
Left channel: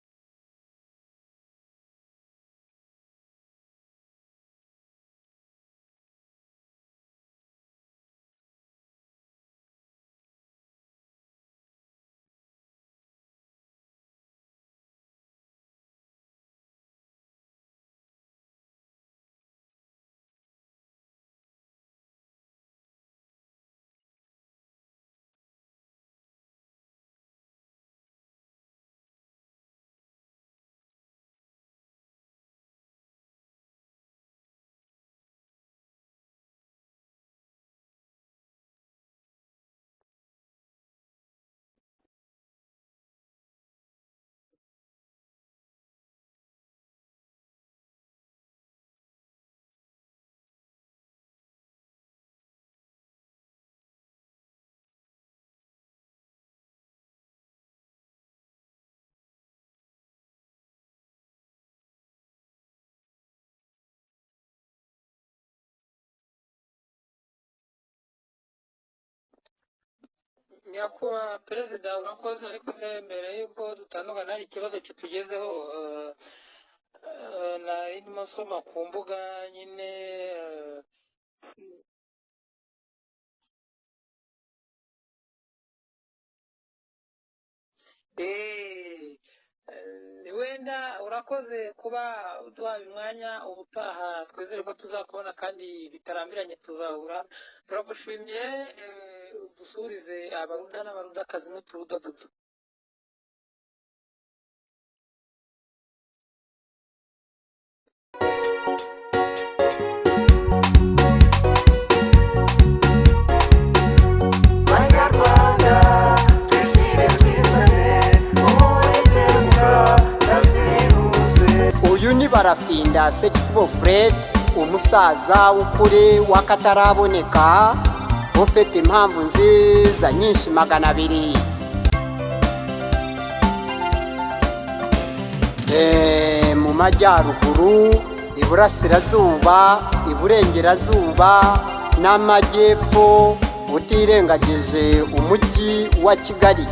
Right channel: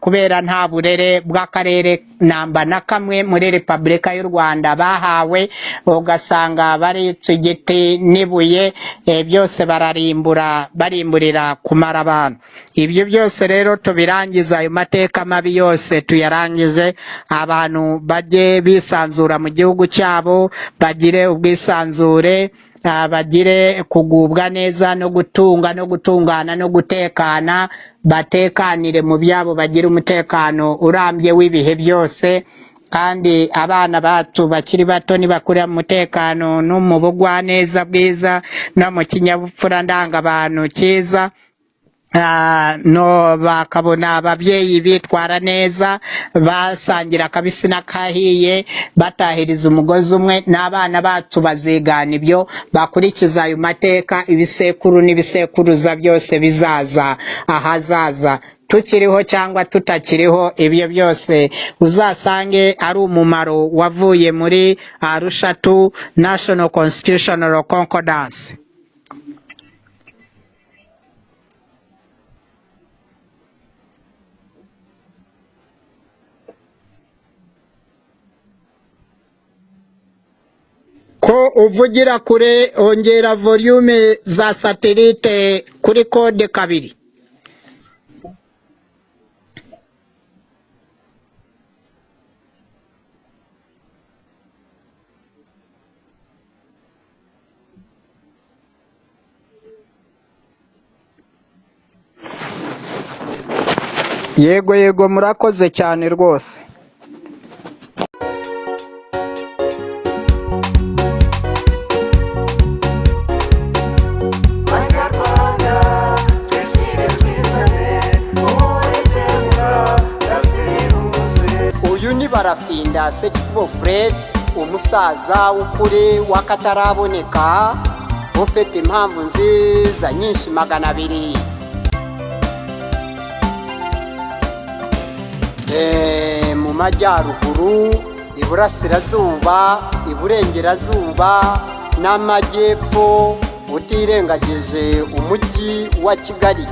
kubera nta burere bw'akarere namba na kamwe muri Repubulika y'u Rwanda bahawe ugasanga barica igiti n'ibuye byose barimburira kumara abantu ibyo byose rero tubirangiza ayo mateka mabi yose tuyarangize abantu bajye bisanzura mu gihugu cyabo bagire ubwisanzure bagire kugubwa neza no gutunga no gutungana no gutekana batekanire mu byabo bagira umutekano urambye w'ibihe byose kandi abana bacu bakiri bato nibakurira mu mutekano no mu bugwaneza bwiza no mu kinyabupfura ndangabantu cyiza no bakabona ababyeyi bitwara neza basangira akabisi n'akahiye batahiriza umugozi umwe n'abana bacu bazigana ibyo bakurikiza ayo mateka ibisekuru n'ibisekuruza byose bizaza ahazaza tukiriho cyangwa tutakiriho ibyo byose uzasange ari umumaro wavuye muri Arusha 2 National Constitutional Concordance. Perezida urakoze ariko se mbere yuko dutandukana hari ikibazo kitugezeho narimo nsoma ku mbuga nyine ko uvugira kure ongera volume za satellite kuri code 2 wenda urakoze kuba duhaye umwanya ubutaha twizere ko tuzakubona kandi bitarambiranye tuzahura turagushimiye dusurize abaruda n'abarudakazi n'uturuda duto yego murakoze cyane rwose uyu ni Barafinda Sekikubo Fred umusaza w'ukuri w'akataraboneka ufite impamvu nziza nyinshi 200 mu majyaruguru iburasirazuba iburengerazuba n'amajyepfo utirengagije umujyi wa Kigali.